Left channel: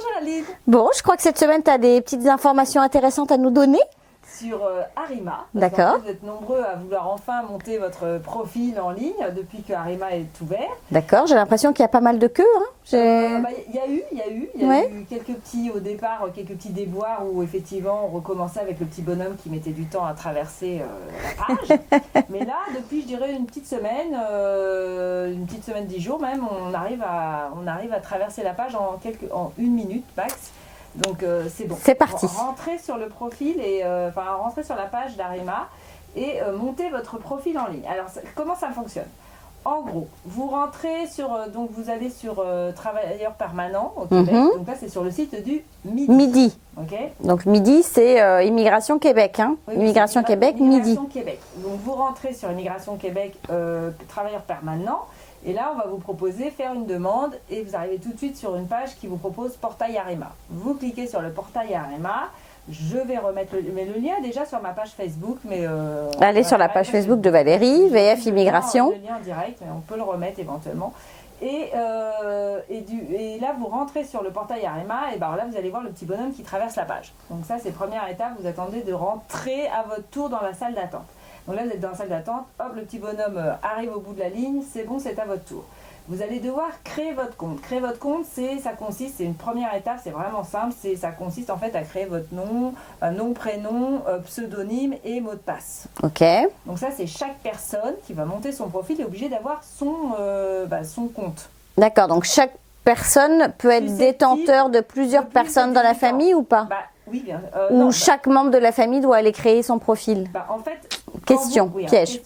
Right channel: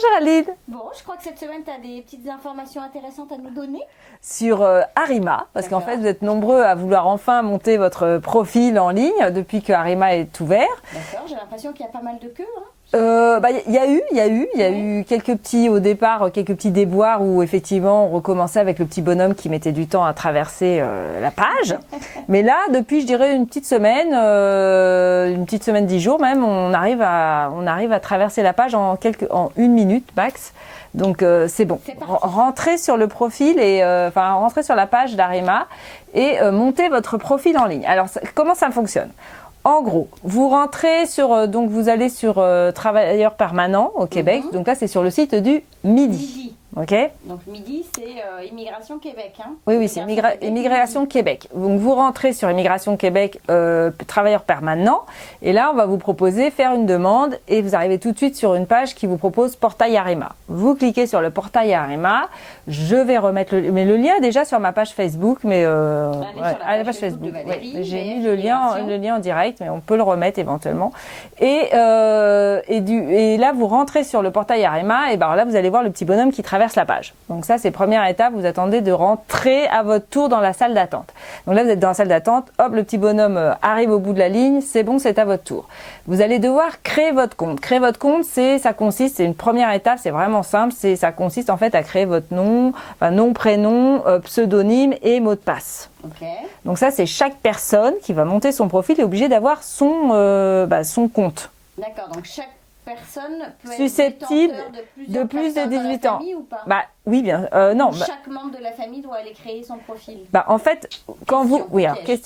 Géraldine. Bon, je crois que cette semaine, tu as des petites informations intéressantes à nous donner. Sur Arima, parce qu'en fait vous êtes nombreux à vouloir enfin monter votre profil en ligne depuis que Arima est ouvert. D'accord, j'ai l'impression qu'il y a pas mal de queues. Il y a eu quelques petits déboires où effectivement on recommençait avec le petit bonhomme qui mettait du temps à traverser la page. Mais là, depuis je dirais une petite semaine 10 jours même, on arrive à traverser la page en 1 minute max. Donc c'est bon. C'est parti. Rentrez sur le profil rentrez sur la page d'Arima et montez votre profil en ligne. Alors comment ça fonctionne ? En gros, vous rentrez donc vous allez sur travailleurs permanents au Québec. Donc là, c'est sur le site du Midi. Ok. Donc Midi, c'est Immigration Québec. Hein. Oui, Immigration Québec. Immigration Québec. Donc vous rentrez sur Immigration Québec, travailleurs permanents. Et là, on va vous proposer faire une demande et vous arrivez tout de suite sur une page qui vous propose Portail Arima. Vous cliquez sur le Portail Arima. Je vais remettre le lien est déjà sur ma page Facebook, mais allez sur la page Facebook de Valérie, VF Immigration. Le lien en direct, mais on peut le remettre éventuellement. Et là, vous rentrez sur le Portail Arima et là, vous allez voir le petit bonhomme qui traverse la page. Donc ça, c'est première étape. Vous attendez de rentrer à votre tour dans la salle d'attente. Donc là, vous êtes dans la salle d'attente. Hop, le petit bonhomme arrive au bout de la ligne. C'est bon, c'est à votre tour. Vous allez devoir créer votre compte. Créer votre compte, c'est une première étape. C'est vraiment simple. Ça consiste en fait à créer votre nom, prénom, pseudonyme et mot de passe. Ok. Donc ça, c'est chaque personne qui va monter son profil est obligée d'avoir son compte. D'accord. Donc chaque personne peut être détenteur de plusieurs personnes dans la famille ou pas ? Oui, bien. Non. Chaque membre de la famille doit aller créer son profil. En fait, piège.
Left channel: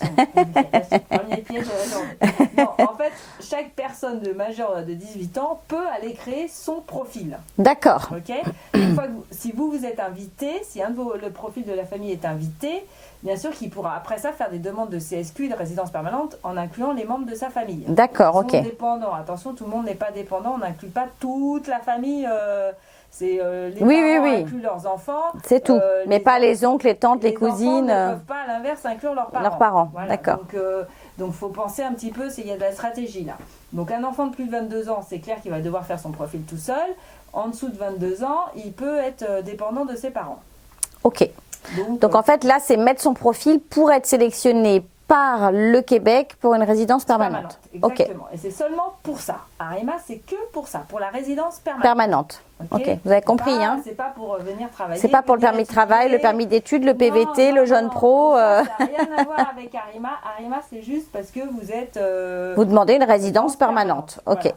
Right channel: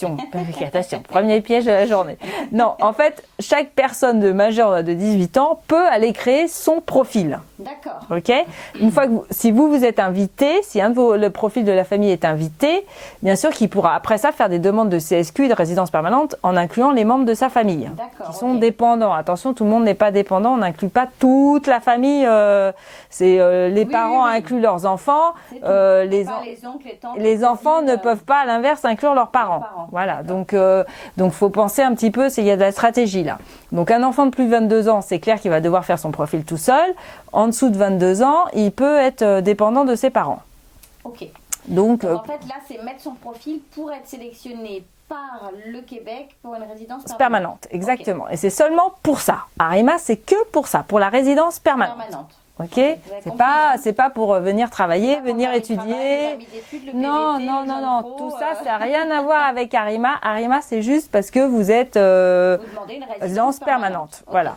Premier piège de la journée. Non, en fait, chaque personne majeure de 18 ans peut aller créer son profil. D'accord. Ok. Une fois que si vous êtes invité, si le profil de la famille est invité, bien sûr qu'il pourra après ça faire des demandes de CSQ et de résidence permanente en incluant les membres de sa famille. D'accord. Ils sont dépendants. Attention, tout le monde n'est pas dépendant. On n'inclut pas toute la famille. Les parents incluent leurs enfants. C'est tout. Mais pas les oncles, les tantes, les cousines. Les enfants ne peuvent pas, à l'inverse, inclure leurs parents. Voilà. Donc, faut penser un petit peu, il y a de la stratégie là. Donc, un enfant de plus de 22 ans, c'est clair qu'il va devoir faire son profil tout seul. En dessous de 22 ans, il peut être dépendant de ses parents. Ok. Donc en fait, là, c'est mettre son profil pour être sélectionné par le Québec pour une résidence permanente. Exactement. Okay. Et c'est seulement pour ça. Arima, c'est que pour ça, pour la résidence permanente. Ok. Vous avez compris. C'est pas pour venir travailler. C'est pas pour le permis de travail, le permis d'études, le PVT, le jeune pro. Tout ça n'a rien à voir avec Arima. Arima, c'est juste parce que vous êtes. Vous demandez une résidence permanente. Ok. Voilà.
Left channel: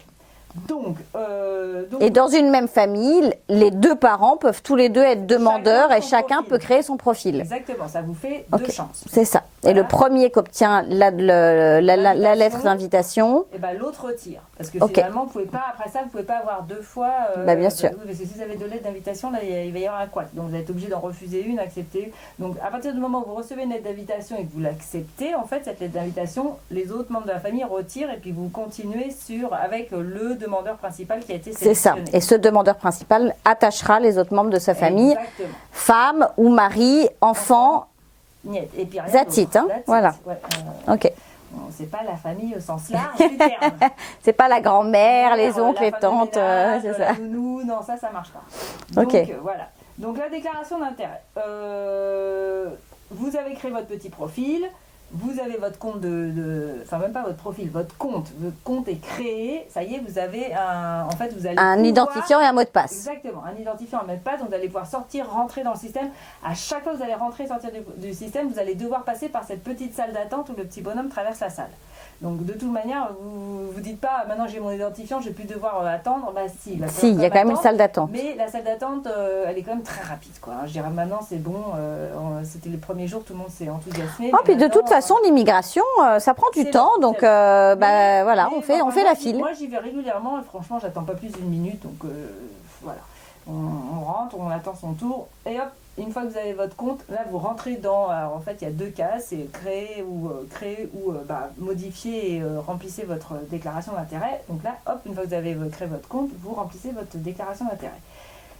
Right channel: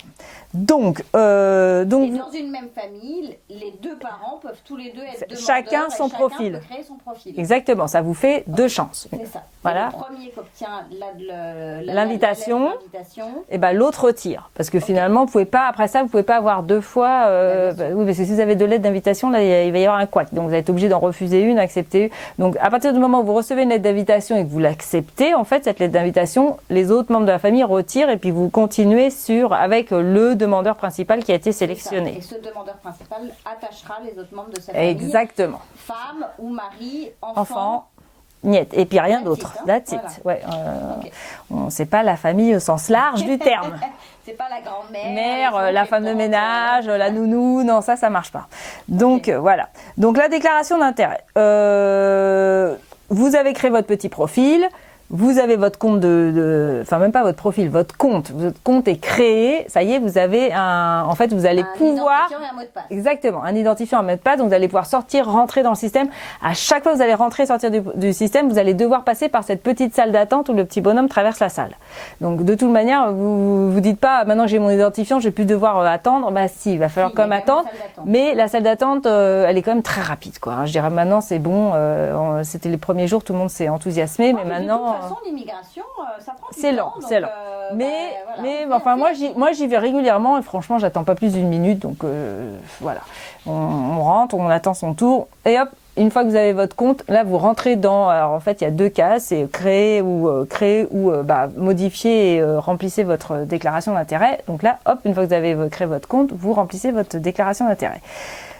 Donc, et dans une même famille, les deux parents peuvent tous les deux être demandeurs et chacun peut créer son profil. Exactement, ça vous fait deux chances. C'est ça. Voilà. Et le premier qui obtient la lettre d'invitation, l'autre retire. Parce que finalement, vous pouvez pas, après ça, vous ne pouvez pas avoir deux fois. Bien sûr. Oui, parce que si vous avez deux lettres d'invitation, là, il va y avoir un couac. Donc, vous allez être obligé d'en refuser une, accepter une. Donc, à partir du moment où vous recevez une lettre d'invitation et que vous l'acceptez, en fait, cette lettre d'invitation, les autres membres de la famille retirent et puis vous continuez avec le demandeur principal qui a été sélectionné. C'est ça. Et ce demandeur principal attachera les autres membres de sa famille. Exactement. Femme ou mari, enfant. Niet. Et puis rien d'autre. Voilà. Ouais, ok. C'est pas la famille au sens large du terme. C'est pas la grand-mère, les oncles, la les femme tantes, de ménage, la nounou. Non, ça marche pas. Donc voilà. Donc la déclaration d'intérêt. Vous avez créé votre petit profil. Vous avez votre compte même pas votre profil, votre compte est créé, ça y est, vous avez vous allez un identifiant et un mot de passe. Exactement, un identifiant et un mot de passe, donc vous allez pouvoir sortir, rentrer dans le système. À chaque fois que vous allez rentrer et sortir du système, vous allez devoir passer par cette petite salle d'attente où le petit bonhomme traverse la salle. Donc de toute manière, vous dites pas, maintenant j'ai mon identifiant, je vais plus devoir attendre. Si, il va falloir quand même attendre. Une salle d'attente. Mais la salle d'attente, elle est quand même très rapide, quoi. Je dirais maintenant c'est bon, c'était les premiers jours, tout le monde s'est enthousiasmé. Mais puis de toute façon, l'immigration, ça prend du temps, donc on fait la file. Moi, j'y vais régulièrement et franchement, j'attends pas plus d'une minute, donc voilà. On rentre, on attend son tour et hop, une fois que vous avez votre compte, là, vous rentrez dans. Alors en fait, il y a deux cas, c'est créer ou modifier et remplissez votre déclaration d'intérêt. Donc là, hop, une fois que vous avez créé votre compte, vous remplissez votre déclaration d'intérêt.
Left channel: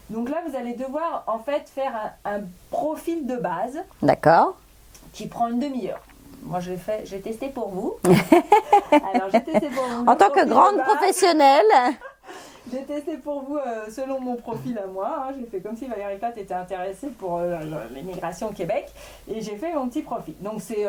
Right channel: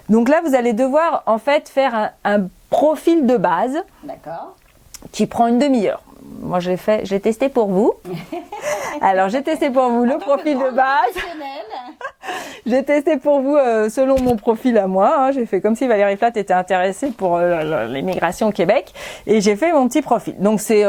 Donc là, vous allez devoir en fait faire un profil de base. D'accord. Qui prend une demi-heure. Moi, j'ai testé pour vous. Alors, j'ai testé pour vous en tant que grande professionnelle. J'ai testé pour vous selon mon profil à moi. Hein. J'ai fait comme si Valérie Plate était intéressée pour l'immigration au Québec. Et j'ai fait mon petit profil. Donc c'est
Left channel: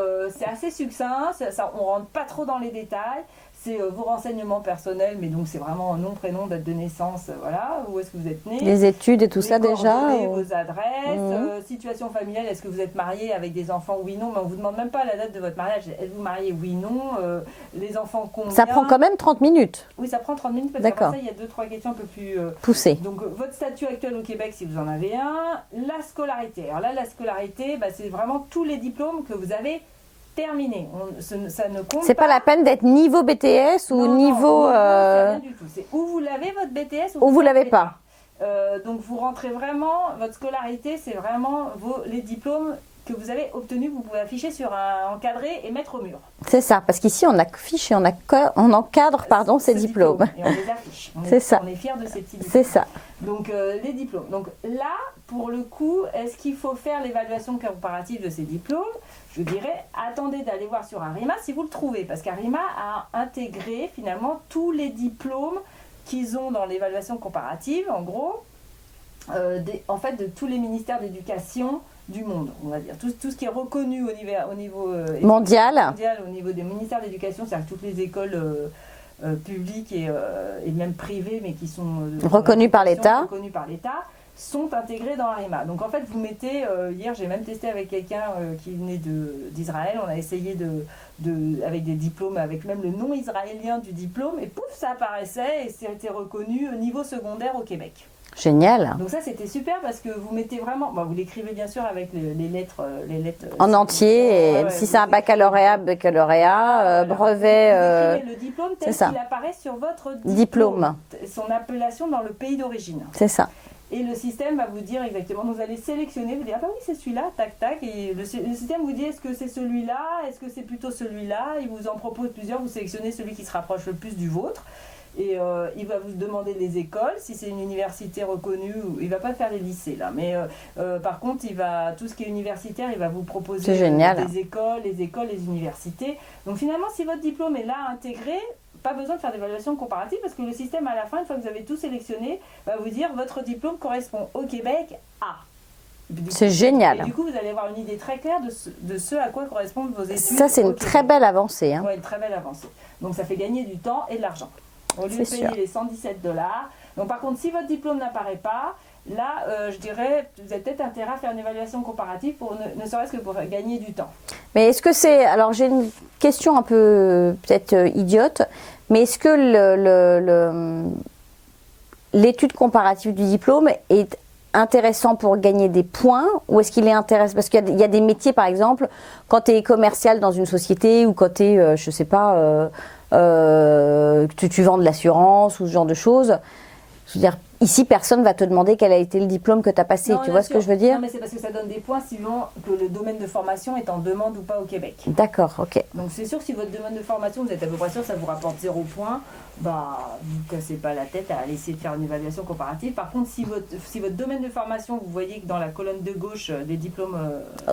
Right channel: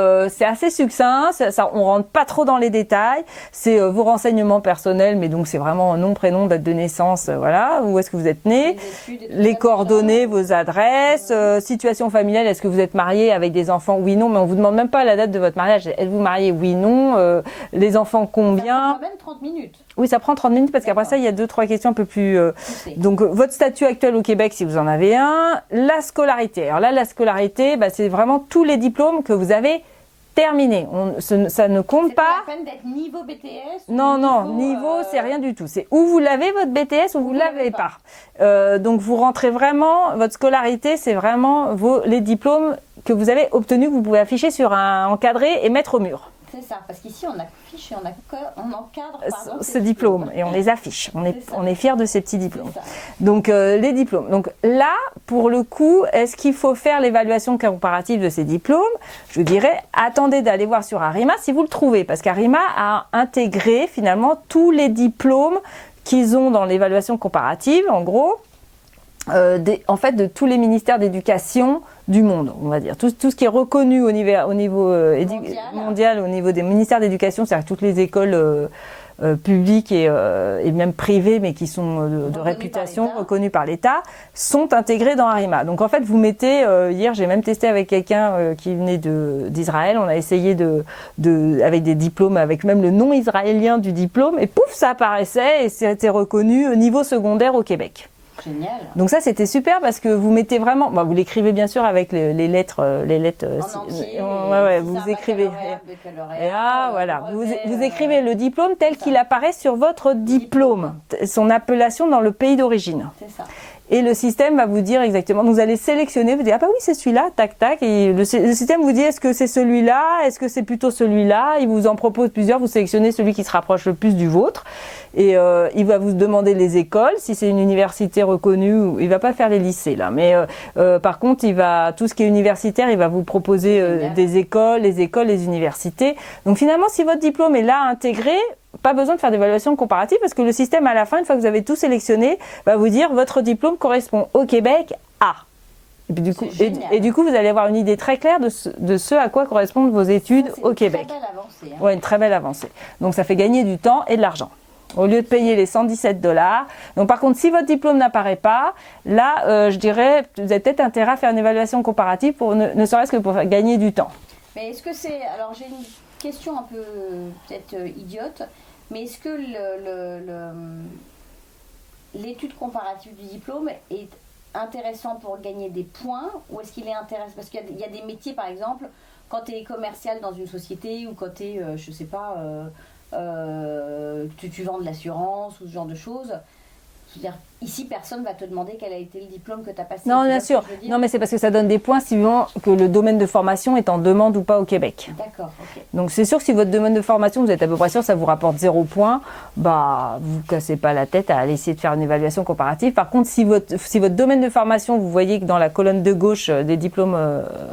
assez succinct. On rentre pas trop dans les détails. C'est vos renseignements personnels, mais donc c'est vraiment nom, prénom, date de naissance, voilà. Où est-ce que vous êtes né. Les études et tout ça. Les coordonnées, déjà, vos adresses, situation familiale. Est-ce que vous êtes marié avec des enfants? Oui, non. Mais on vous demande même pas la date de votre mariage. Êtes-vous marié? Oui, non. Les enfants, combien? Ça prend quand même 30 minutes. Oui, ça prend 30 minutes parce qu'après ça, il y a 2-3 questions un peu plus poussées. Donc, votre statut actuel au Québec, si vous en avez un. La scolarité. Alors là, la scolarité, c'est vraiment tous les diplômes que vous avez terminés. Ça ne compte pas. C'est pas la peine d'être niveau BTS ou non, niveau... Non, c'est rien du tout. C'est où vous l'avez, votre BTS, ou vous l'avez pas. Donc, vous rentrez vraiment... Votre scolarité, c'est vraiment les diplômes que vous avez obtenus, que vous pouvez afficher sur un encadré et mettre au mur. C'est ça, parce qu'ici, on affiche et on encadre ces diplômes. Et on les affiche. On est fiers de ces petits diplômes. C'est ça. Donc, les diplômes. Donc là, pour le coup, est-ce qu'il faut faire l'évaluation comparative de ces diplômes? Je vous dirais, attendez d'aller voir sur Arima si vous le trouvez, parce qu'Arima a intégré finalement tous les diplômes qu'ils ont dans l'évaluation comparative, en gros, en fait, de tous les ministères d'éducation du monde, on va dire. Tout ce qui est reconnu au niveau mondial, au niveau des ministères d'éducation, c'est-à-dire toutes les écoles publiques et même privées, mais qui sont reconnues par l'État, sont intégrées dans Arima. Donc en fait, vous mettez, hier j'ai même testé avec quelqu'un qui venait d'Israël, on a essayé avec des diplômes, avec même le nom israélien du diplôme, et pouf, ça apparaissait et c'était reconnu au niveau secondaire au Québec. Génial. Donc ça, c'était super parce que vous mettez vraiment... vous l'écrivez bien sûr avec les lettres... en entier, si c'est un baccalauréat, brevet... Vous écrivez le diplôme tel qu'il apparaît sur votre diplôme. Son appellation dans le pays d'origine. C'est ça. Et le système va vous dire exactement, vous allez sélectionner, vous dites, ah bah oui, c'est celui-là, tac, tac. Et le système vous dit, est-ce que c'est celui-là? Est-ce que c'est plutôt celui-là? Il vous en propose plusieurs, vous sélectionnez celui qui se rapproche le plus du vôtre. Et il va vous demander les écoles. Si c'est une université reconnue, il ne va pas faire les lycées là. Mais par contre, tout ce qui est universitaire, il va vous proposer des écoles, les universités. Donc finalement, si votre diplôme est là intégré, pas besoin de faire d'évaluation comparative parce que le système à la fin, une fois que vous avez tout sélectionné, va vous dire votre diplôme correspond au Québec à. C'est génial. Et du coup, vous allez avoir une idée très claire de ce à quoi correspondent vos études au Québec. Ça, c'est une très belle avancée. Oui, une très belle avancée. Donc ça fait gagner du temps et de l'argent. Au lieu de payer les $117. Donc par contre, si votre diplôme n'apparaît pas, là, je dirais, vous avez peut-être intérêt à faire une évaluation comparative, ne serait-ce que pour faire gagner du temps. Mais est-ce que c'est... Alors j'ai une question un peu peut-être idiote, mais est-ce que l'étude comparative du diplôme est intéressant pour gagner des points ou est-ce qu'il est intéressant? Parce qu'il y a des métiers, par exemple, quand tu es commercial dans une société ou quand tu es, je ne sais pas... tu vends de l'assurance ou ce genre de choses. Je veux dire, ici, personne ne va te demander quel a été le diplôme que tu as passé. Non, tu vois ce que je veux dire? Non, mais c'est parce que ça donne des points suivant que le domaine de formation est en demande ou pas au Québec. D'accord, ok. Donc c'est sûr que si votre domaine de formation, vous êtes à peu près sûr que ça vous rapporte 0 points, vous ne cassez pas la tête à aller essayer de faire une évaluation comparative. Par contre, si votre domaine de formation, vous voyez que dans la colonne de gauche, des diplômes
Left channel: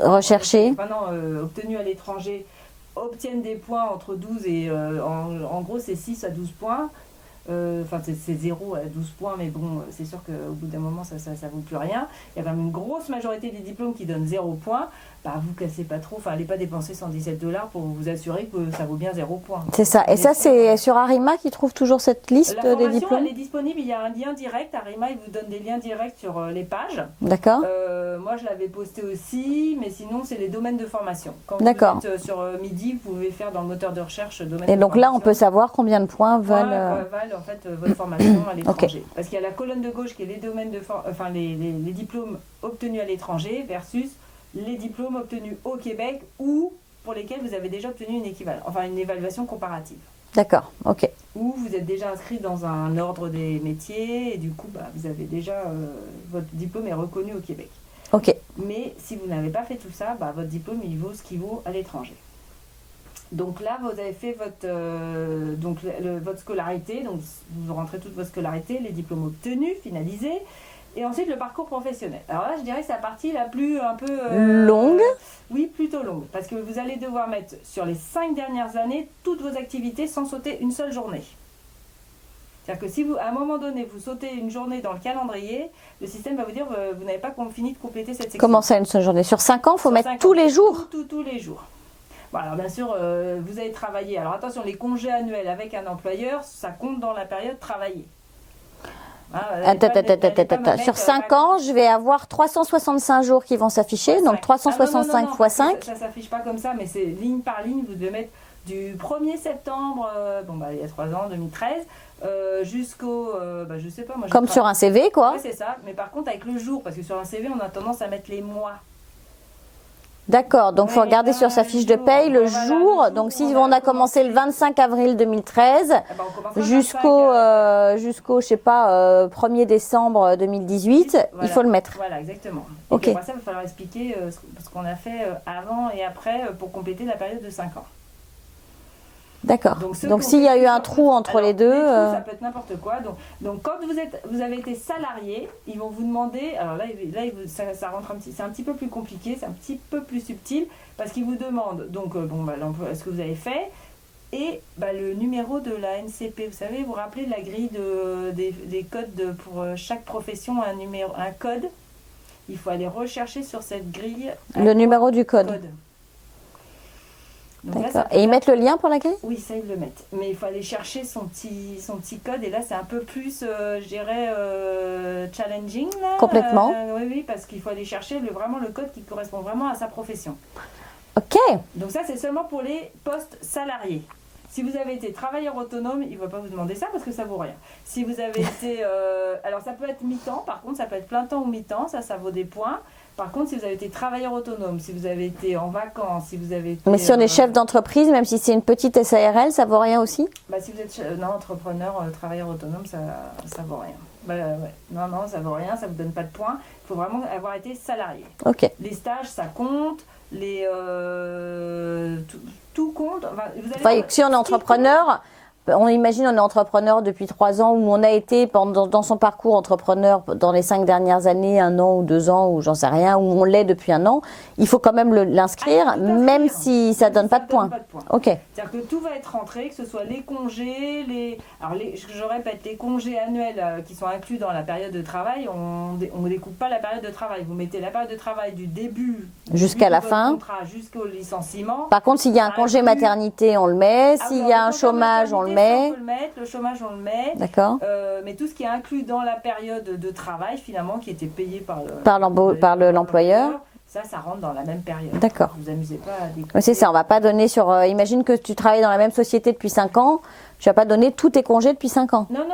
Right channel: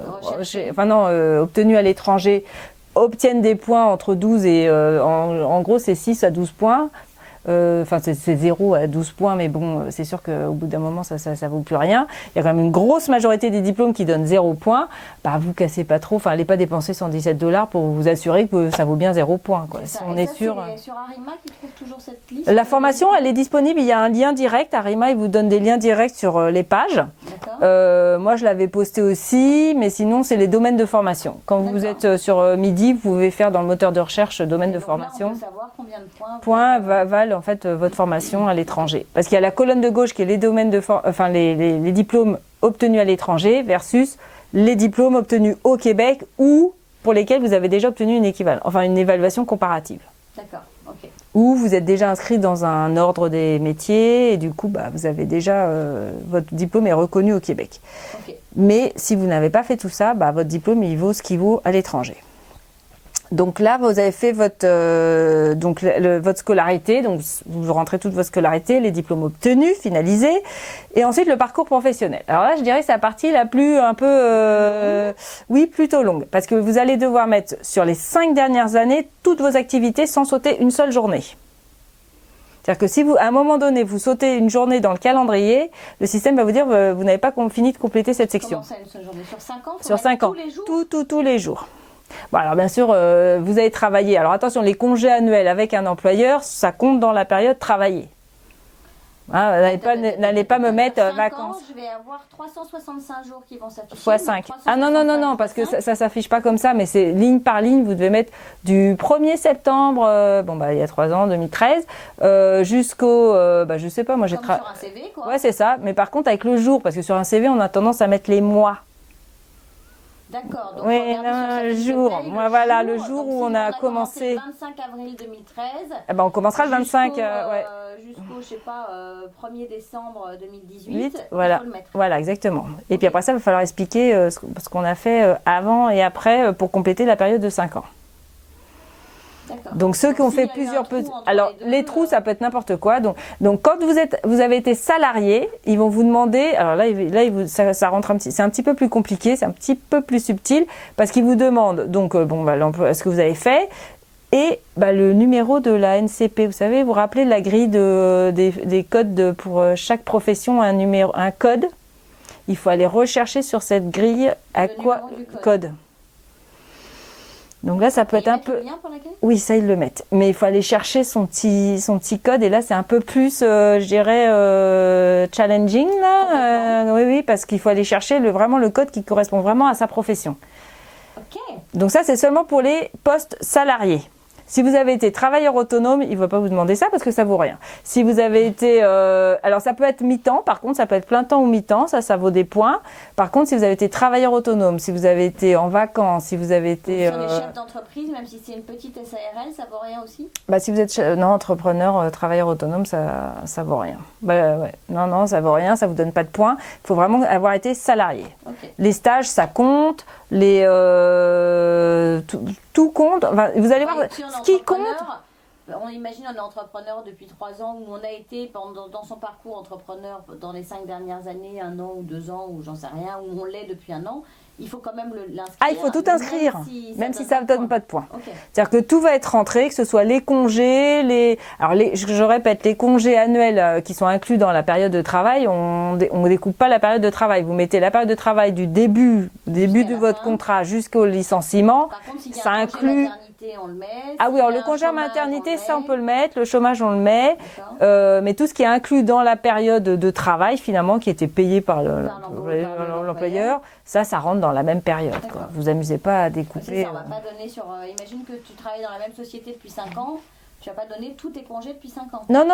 recherchés, obtenus à l'étranger, obtiennent des points entre 12 et en gros c'est 6 à 12 points. C'est 0 à 12 points, mais bon, c'est sûr qu'au bout d'un moment, ça vaut plus rien. Il y a quand même une grosse majorité des diplômes qui donnent 0 points. Vous cassez pas trop, allez pas dépenser $117 pour vous assurer que ça vaut bien 0 points. C'est ça. Et ça, c'est sur Arima qui trouve toujours cette liste? La formation, elle est disponible. Il y a un lien direct. Arima, il vous donne des liens directs sur les pages. D'accord. Moi, je l'avais posté aussi, mais sinon, c'est les domaines de formation. Quand vous êtes sur Midi, vous pouvez faire dans le moteur de recherche domaine de formation. Et donc là, on peut savoir combien de points valent en fait votre formation à l'étranger. Okay. Parce qu'il y a la colonne de gauche qui est les domaines les diplômes obtenus à l'étranger versus les diplômes obtenus au Québec ou pour lesquels vous avez déjà obtenu une évaluation comparative. D'accord, ok. Ou vous êtes déjà inscrit dans un ordre des métiers et du coup, vous avez déjà votre diplôme est reconnu au Québec. Ok. Mais si vous n'avez pas fait tout ça, votre diplôme il vaut ce qu'il vaut à l'étranger. Donc là, vous avez fait votre scolarité, donc vous rentrez toute votre scolarité, les diplômes obtenus, finalisés, et ensuite le parcours professionnel. Alors là, je dirais que c'est la partie la plus un peu longue. Oui, plutôt longue, parce que vous allez devoir mettre sur les 5 dernières années toutes vos activités sans sauter une seule journée. C'est-à-dire que si à un moment donné, vous sautez une journée dans le calendrier, le système va vous dire vous n'avez pas fini de compléter cette section. Comment ça, une seule journée? Sur 5 ans, il faut Sur mettre 5 tous ans. les jours? Tous les jours. Bon, alors bien sûr, vous avez travaillé. Alors attention, les congés annuels avec un employeur, ça compte dans la période travaillée. N'allez pas me mettre sur 5 ans, je vais avoir 365 jours qui vont s'afficher. Donc 365 non, parce fois 5. que ça ne s'affiche pas comme ça, mais c'est ligne par ligne. Vous devez mettre du 1er septembre, il y a 3 ans, 2013, jusqu'au, je sais pas, moi j'ai comme sur un CV, quoi. Ouais, c'est ça. Mais par contre, avec le jour, parce que sur un CV, on a tendance à mettre les mois. D'accord, donc il faut regarder sur sa fiche de paye le jour. Donc si on a commencé le 25 avril 2013, on commencera le 25 jusqu'au je sais pas, 1er décembre 2018, il faut le mettre. Voilà, exactement. Et puis après ça, il va falloir expliquer ce qu'on a fait avant et après pour compléter la période de 5 ans. D'accord. Donc s'il y a eu un trou entre les deux, les trous ça peut être n'importe quoi. Donc quand vous avez été salarié, ils vont vous demander. Alors là, ça rentre c'est un petit peu plus compliqué, c'est un petit peu plus subtil parce qu'ils vous demandent donc l'emploi, ce que vous avez fait et le numéro de la NCP. Vous savez, vous vous rappelez de la grille des codes pour chaque profession, un code. Il faut aller rechercher sur cette grille le numéro du code. Donc là, ça peut et ils mettent le lien pour la grille? Oui, ça, ils le mettent. Mais il faut aller chercher son petit code. Et là, c'est un peu plus, je dirais, challenging. Là. Complètement. Oui, parce qu'il faut aller chercher vraiment le code qui correspond vraiment à sa profession. OK. Donc ça, c'est seulement pour les postes salariés. Si vous avez été travailleur autonome, il ne va pas vous demander ça parce que ça vaut rien. Si vous avez été... alors, ça peut être mi-temps. Par contre, ça peut être plein temps ou mi-temps. Ça vaut des points. Par contre, si vous avez été travailleur autonome, si vous avez été en vacances, si vous avez été... Mais si on est chef d'entreprise, même si c'est une petite SARL, ça vaut rien aussi? Si vous êtes entrepreneur, travailleur autonome, ça vaut rien. Non, ça vaut rien. Ça ne vous donne pas de points. Il faut vraiment avoir été salarié. OK. Les stages, ça compte. Tout compte. Vous allez voir, si on est entrepreneur, on imagine on est entrepreneur depuis 3 ans ou on a été dans son parcours entrepreneur dans les 5 dernières années, 1 an ou 2 ans ou j'en sais rien, ou on l'est depuis 1 an, il faut quand même l'inscrire, même si ça ne donne pas de points. Okay. C'est-à-dire que tout va être rentré, que ce soit les congés, je répète, les congés annuels qui sont inclus dans la période de travail, on ne découpe pas la période de travail. Vous mettez la période de travail du début jusqu'à de votre contrat jusqu'au licenciement. Par contre, s'il y a un congé maternité, on le met. S'il y a un chômage, on le met. Ça, on peut le mettre. Le chômage, on le met. D'accord. Mais tout ce qui est inclus dans la période de travail, finalement, qui était payé par l'employeur, ça rentre dans la même période. D'accord. Vous amusez pas à découper. C'est ça, on va pas donner sur... imagine que tu travailles dans la même société depuis 5 ans, tu vas pas donner tous tes congés depuis 5 ans. Non,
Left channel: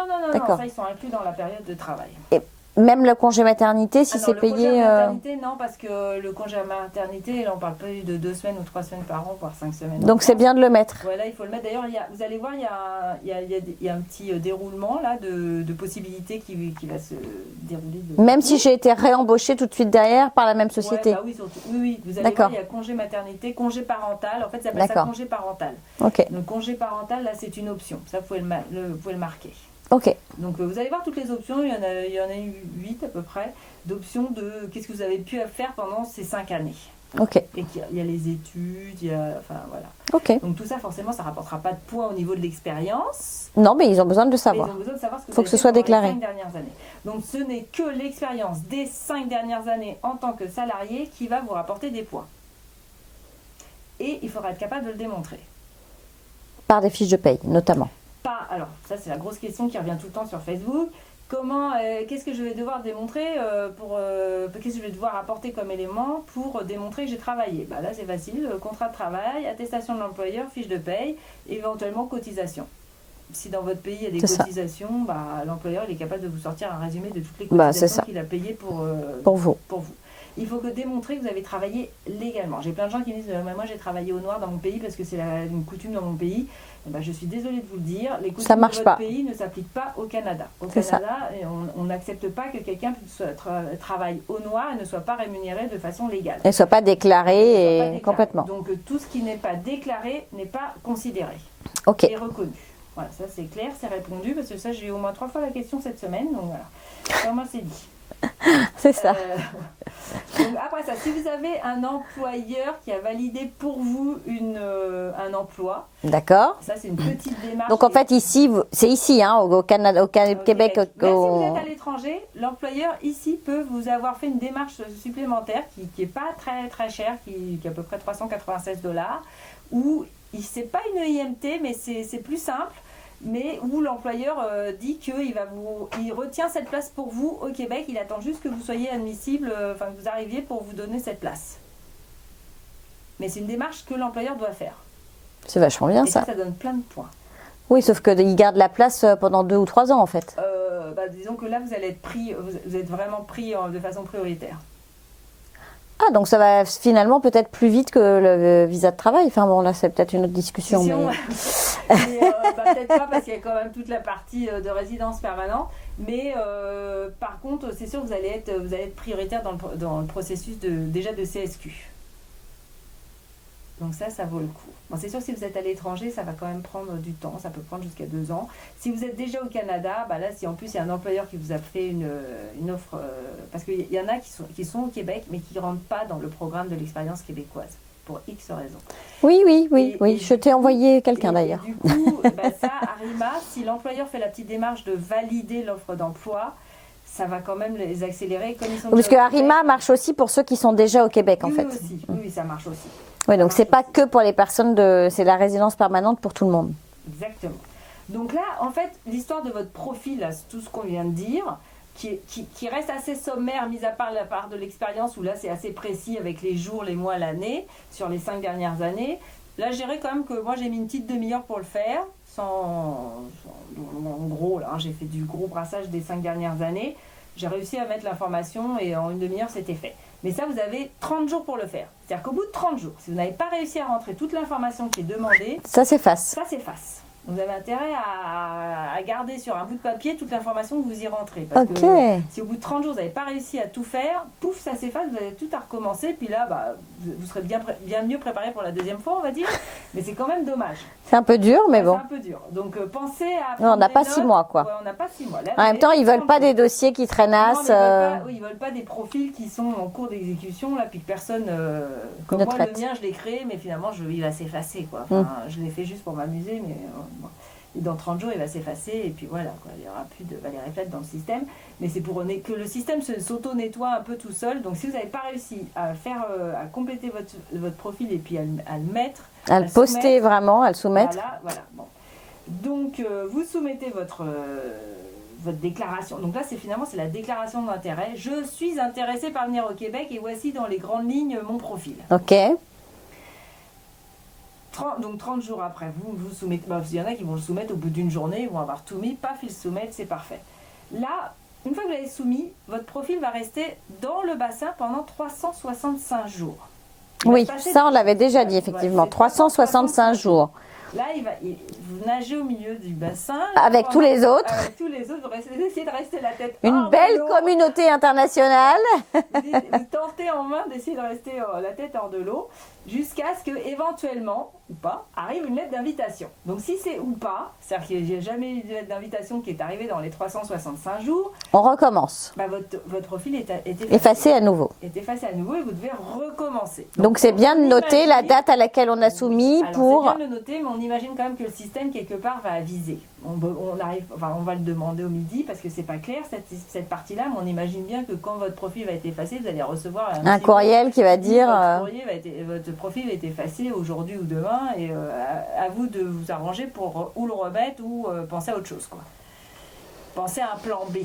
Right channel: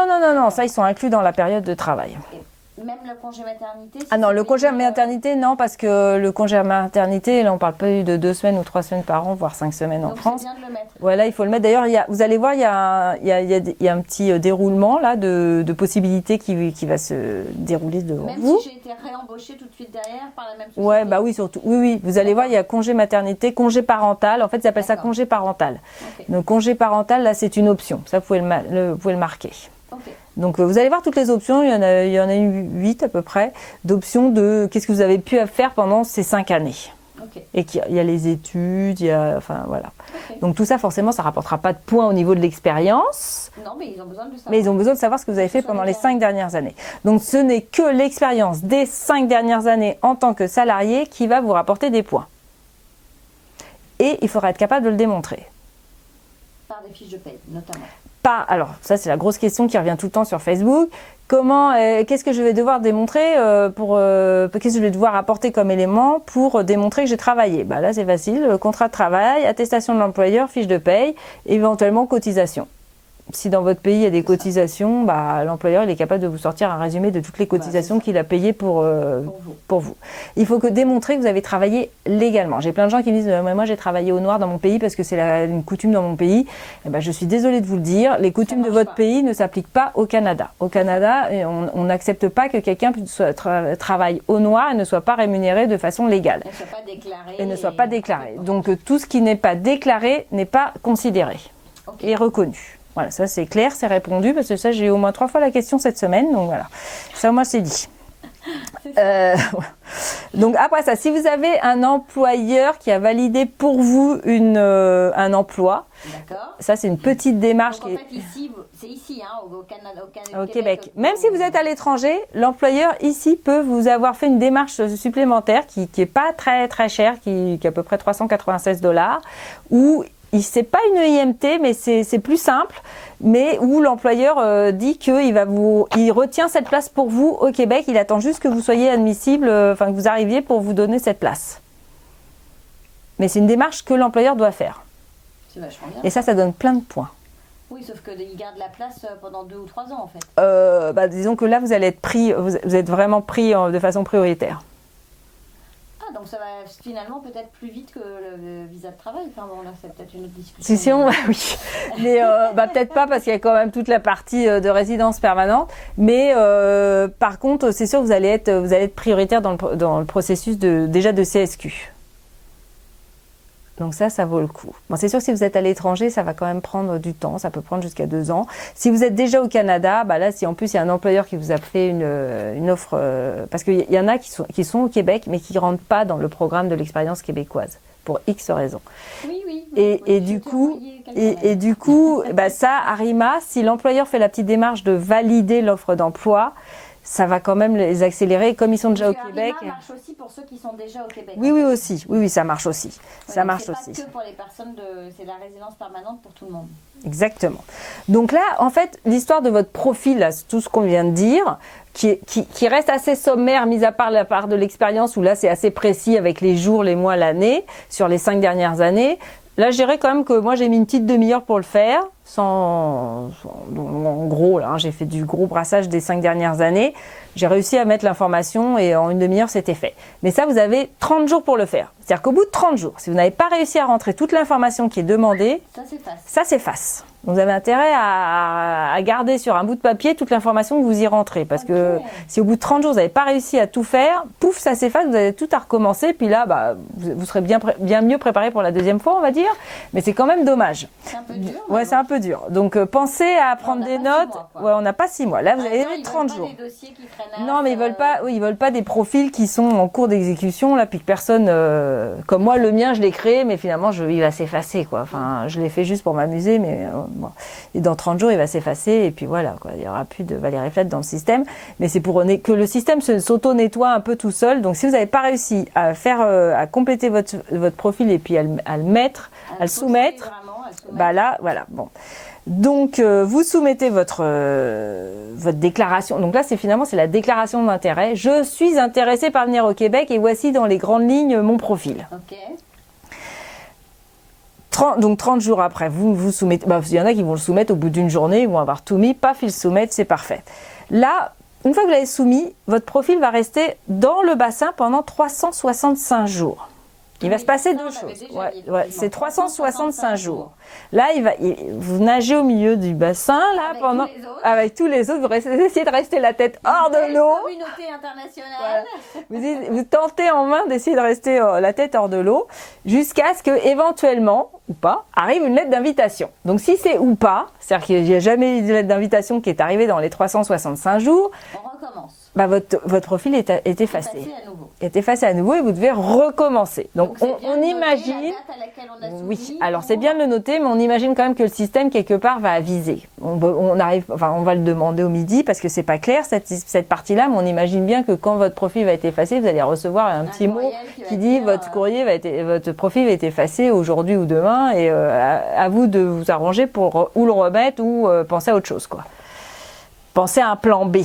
ça, ils sont inclus dans la période de travail. Et même le congé maternité, si c'est payé... le congé maternité, non, parce que le congé maternité, là, on parle pas de 2 semaines ou 3 semaines par an, voire 5 semaines. Donc c'est bien de le mettre. Voilà, il faut le mettre. D'ailleurs, vous allez voir, il y a un petit déroulement là de possibilités qui va se dérouler. Même si j'ai été réembauchée tout de suite derrière par la même société. Oui, surtout. Oui. Vous allez voir, il y a congé maternité, congé parental. En fait, ça s'appelle ça congé parental. Okay. Donc congé parental, là, c'est une option. Ça, vous pouvez le marquer. Ok. Donc vous allez voir toutes les options, il y en a 8 à peu près, d'options de qu'est-ce que vous avez pu faire pendant ces 5 années. Ok. Et qu'il y a les études, voilà. Ok. Donc tout ça, forcément, ça ne rapportera pas de points au niveau de l'expérience. Non, mais ils ont besoin de le savoir. Mais ils ont besoin de savoir ce que vous avez fait pendant les 5 dernières années. Donc ce n'est que l'expérience des 5 dernières années en tant que salarié qui va vous rapporter des points. Et il faudra être capable de le démontrer. Par des fiches de paye, notamment. Alors, ça, c'est la grosse question qui revient tout le temps sur Facebook. Qu'est-ce que je vais devoir démontrer qu'est-ce que je vais devoir apporter comme élément pour démontrer que j'ai travaillé? Là, c'est facile. Contrat de travail, attestation de l'employeur, fiche de paye, éventuellement cotisation. Si dans votre pays il y a des cotisations, l'employeur il est capable de vous sortir un résumé de toutes les cotisations qu'il a payées pour vous. Il faut démontrer que vous avez travaillé légalement. J'ai plein de gens qui me disent moi j'ai travaillé au noir dans mon pays parce que c'est une coutume dans mon pays. Je suis désolée de vous le dire, les coutumes de votre pays ne s'appliquent pas au Canada. Au Canada, on n'accepte pas que quelqu'un travaille au noir et ne soit pas rémunéré de façon légale. Et ne soit pas déclaré. Donc tout ce qui n'est pas déclaré n'est pas considéré et reconnu. Voilà, ça c'est clair, c'est répondu, parce que ça j'ai eu au moins 3 fois la question cette semaine, donc voilà, ça moi c'est dit. C'est ça. Donc après ça, si vous avez un employeur qui a validé pour vous un emploi, d'accord. Ça c'est une petite démarche. Donc en fait ici, c'est ici, hein, au Canada, au Québec. Même si vous êtes à l'étranger, l'employeur ici peut vous avoir fait une démarche supplémentaire qui est pas très très chère, qui est à peu près 396 $, où c'est pas une IMT, mais c'est plus simple, mais où l'employeur dit il retient cette place pour vous au Québec, il attend juste que vous soyez admissible, que vous arriviez pour vous donner cette place. Mais c'est une démarche que l'employeur doit faire. C'est vachement bien. Et ça donne plein de points. Oui, sauf qu'il garde la place pendant 2 ou 3 ans en fait. Disons que là vous allez être pris, vous êtes vraiment pris de façon prioritaire. Ah, donc ça va finalement peut-être plus vite que le visa de travail. Enfin bon, là c'est peut-être une autre discussion. Mais... oui. Mais peut-être pas parce qu'il y a quand même toute la partie de résidence permanente. Mais par contre, c'est sûr que vous allez être prioritaire dans le processus déjà de CSQ. Donc ça vaut le coup. Bon, c'est sûr que si vous êtes à l'étranger, ça va quand même prendre du temps. Ça peut prendre jusqu'à 2 ans. Si vous êtes déjà au Canada, là, si en plus il y a un employeur qui vous a fait une offre... parce qu'il y en a qui sont au Québec, mais qui ne rentrent pas dans le programme de l'expérience québécoise, pour X raisons. Oui, je t'ai envoyé quelqu'un d'ailleurs. Et du coup, ça, Arima, si l'employeur fait la petite démarche de valider l'offre d'emploi, ça va quand même les accélérer comme ils sont déjà au Québec. Parce que Arima marche aussi pour ceux qui sont déjà au Québec. Oui, aussi. Oui, ça marche aussi. Oui, donc c'est pas que pour les personnes c'est la résidence permanente pour tout le monde. Exactement. Donc là, en fait, l'histoire de votre profil, là, tout ce qu'on vient de dire, qui reste assez sommaire, mis à part la part de l'expérience, où là c'est assez précis avec les jours, les mois, l'année, sur les 5 dernières années. Là, je dirais quand même que moi, j'ai mis une petite demi-heure pour le faire. En gros, là, j'ai fait du gros brassage des 5 dernières années. J'ai réussi à mettre l'information et en une demi-heure, c'était fait. Mais ça, vous avez 30 jours pour le faire. C'est-à-dire qu'au bout de 30 jours, si vous n'avez pas réussi à rentrer toute l'information qui est demandée, ça s'efface. Ça s'efface. Vous avez intérêt à garder sur un bout de papier toute l'information que vous y rentrez. Parce que si au bout de 30 jours, vous n'avez pas réussi à tout faire, pouf, ça s'efface, vous avez tout à recommencer. Puis là, vous serez bien mieux préparé pour la deuxième fois, on va dire. Mais c'est quand même dommage. C'est un peu dur, mais bon. C'est un peu dur. Donc, pensez à prendre des notes. On n'a pas 6 mois, quoi. Ouais, on n'a pas 6 mois. Là, en même temps, ils ne veulent pas des dossiers qui traînassent. Non, mais ils veulent pas des profils qui sont en cours d'exécution, là, puis que personne... comme moi, le mien, je l'ai créé, mais finalement, il va s'effacer, quoi. Enfin, je l'ai fait juste pour m'amuser, mais... bon. Et dans 30 jours, il va s'effacer et puis voilà, quoi. Il n'y aura plus de Valérie Plate dans le système. Mais c'est pour que le système s'auto-nettoie un peu tout seul. Donc si vous n'avez pas réussi à compléter votre profil et puis à le mettre, à le poster vraiment, à le soumettre. Voilà, bon. Donc vous soumettez votre déclaration. Donc là, c'est la déclaration d'intérêt. Je suis intéressée par venir au Québec et voici dans les grandes lignes mon profil. Ok. Donc 30 jours après, vous soumettez. Il y en a qui vont le soumettre au bout d'une journée, ils vont avoir tout mis, paf, ils le soumettent, c'est parfait. Là, une fois que vous l'avez soumis, votre profil va rester dans le bassin pendant 365 jours. On l'avait déjà dit, effectivement. C'est 365 jours. Là, vous nagez au milieu du bassin. Là, avec tous les autres. Avec tous les autres, vous essayez de rester la tête hors de l'eau. Une belle communauté internationale. Vous tentez en main d'essayer de rester la tête hors de l'eau jusqu'à ce que, éventuellement, ou pas, arrive une lettre d'invitation. Donc si c'est ou pas, c'est-à-dire qu'il n'y a jamais eu de lettre d'invitation qui est arrivée dans les 365 jours, on recommence. Votre profil est effacé. Effacé à nouveau. Est effacé à nouveau et vous devez recommencer. Donc c'est bien de noter la date à laquelle on a soumis. Oui. Alors c'est bien de le noter, mais on imagine quand même que le système quelque part va aviser. On va le demander au midi parce que c'est pas clair cette partie-là, mais on imagine bien que quand votre profil va être effacé, vous allez recevoir un petit courriel qui va dire votre profil va être effacé aujourd'hui ou demain. Et à vous de vous arranger pour ou le remettre ou penser à autre chose, quoi. Pensez à un plan B.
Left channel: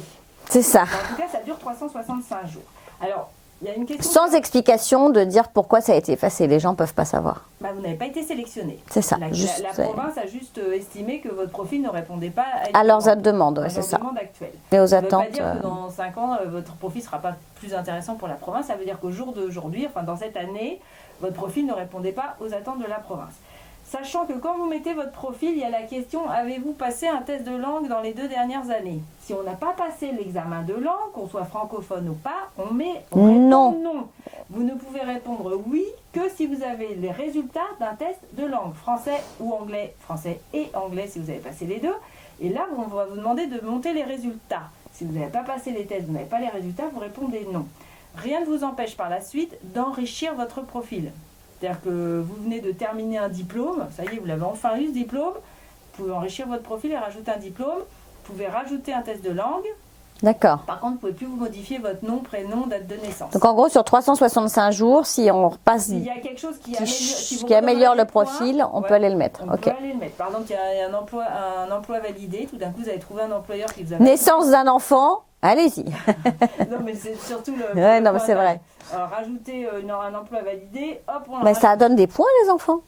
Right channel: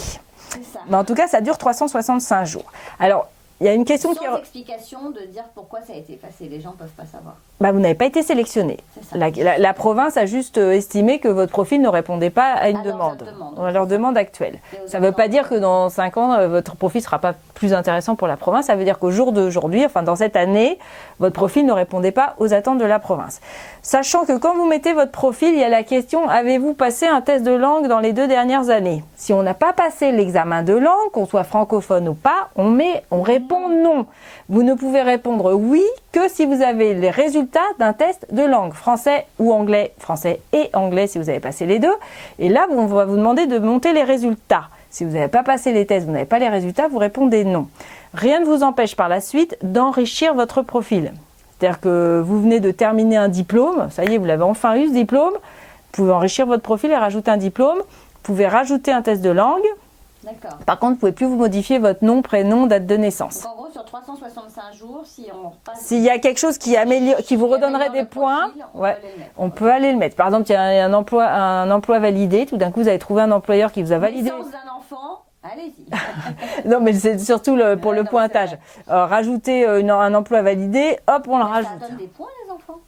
C'est ça. Mais en tout cas, ça dure 365 jours. Alors, il y a une question... Sans explication de dire pourquoi ça a été effacé. Les gens ne peuvent pas savoir. Vous n'avez pas été sélectionné. C'est ça. La province a juste estimé que votre profil ne répondait pas à leurs demandes. À leurs demandes actuelles. Ça ne veut pas dire que dans 5 ans, votre profil ne sera pas plus intéressant pour la province. Ça veut dire qu'au jour d'aujourd'hui, dans cette année, votre profil ne répondait pas aux attentes de la province. Sachant que quand vous mettez votre profil, il y a la question, avez-vous passé un test de langue dans les 2 dernières années? Si on n'a pas passé l'examen de langue, qu'on soit francophone ou pas, on répond non. Vous ne pouvez répondre oui que si vous avez les résultats d'un test de langue, français ou anglais, français et anglais si vous avez passé les 2. Et là, on va vous demander de monter les résultats. Si vous n'avez pas passé les tests, vous n'avez pas les résultats, vous répondez non. rien ne vous empêche par la suite d'enrichir votre profil. C'est-à-dire que vous venez de terminer un diplôme, ça y est, vous l'avez enfin eu ce diplôme, vous pouvez enrichir votre profil et rajouter un diplôme, vous pouvez rajouter un test de langue. D'accord. Par contre, vous ne pouvez plus vous modifier votre nom, prénom, date de naissance. Donc en gros, sur 365 jours, si on repasse... S'il y a quelque chose qui vous redonnerait le des points, profil, on peut aller le mettre. On peut aller le mettre. Par exemple, il y a un emploi validé, tout d'un coup, vous avez trouvé un employeur qui vous a validé. Naissance d'un enfant, allez-y. Non, mais c'est surtout pour le pointage. Rajouter un emploi validé, hop, on le rajoute. Ça donne des points, les enfants.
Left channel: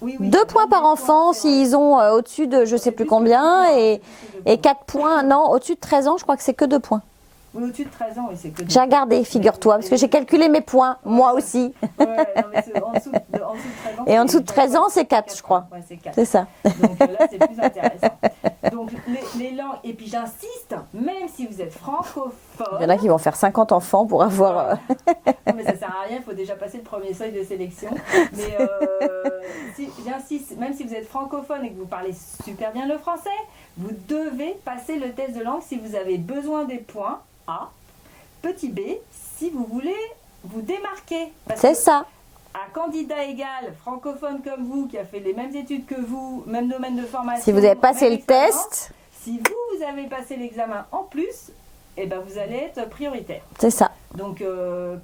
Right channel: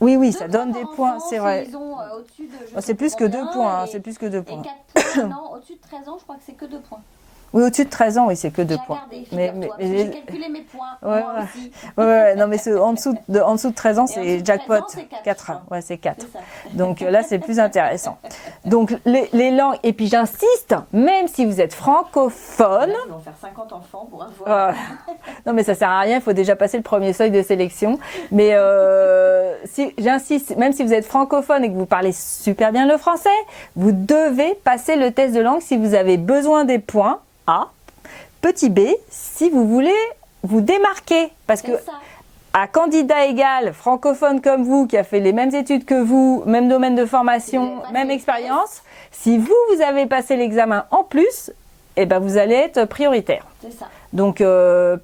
Oui, 2 points par enfant s'ils ont au-dessus de je ne sais plus combien. Et 4 points, non, au-dessus de 13 ans, je crois que c'est que 2 points. Oui, au-dessus de 13 ans, oui, c'est que 2 points. J'ai regardé, figure-toi, parce que j'ai calculé mes points, moi aussi. Non, mais en dessous de 13 ans, c'est 4. Et en dessous de 13 ans, c'est 4, je crois. Ouais, c'est 4. C'est ça. Donc là, c'est plus intéressant. Donc, les langues, et puis j'insiste, même si vous êtes francophone... Là, ils vont faire 50 enfants pour avoir... Non, mais ça sert à rien, il faut déjà passer le premier seuil de sélection. Mais j'insiste, même si vous êtes francophone et que vous parlez super bien le français, vous devez passer le test de langue si vous avez besoin des points A. Petit b, si vous voulez vous démarquer. C'est ça. À candidat égal, francophone comme vous, qui a fait les mêmes études que vous, même domaine de formation, si vous avez passé même expérience, test, si vous avez passé l'examen en plus, eh ben vous allez être prioritaire. C'est ça. Donc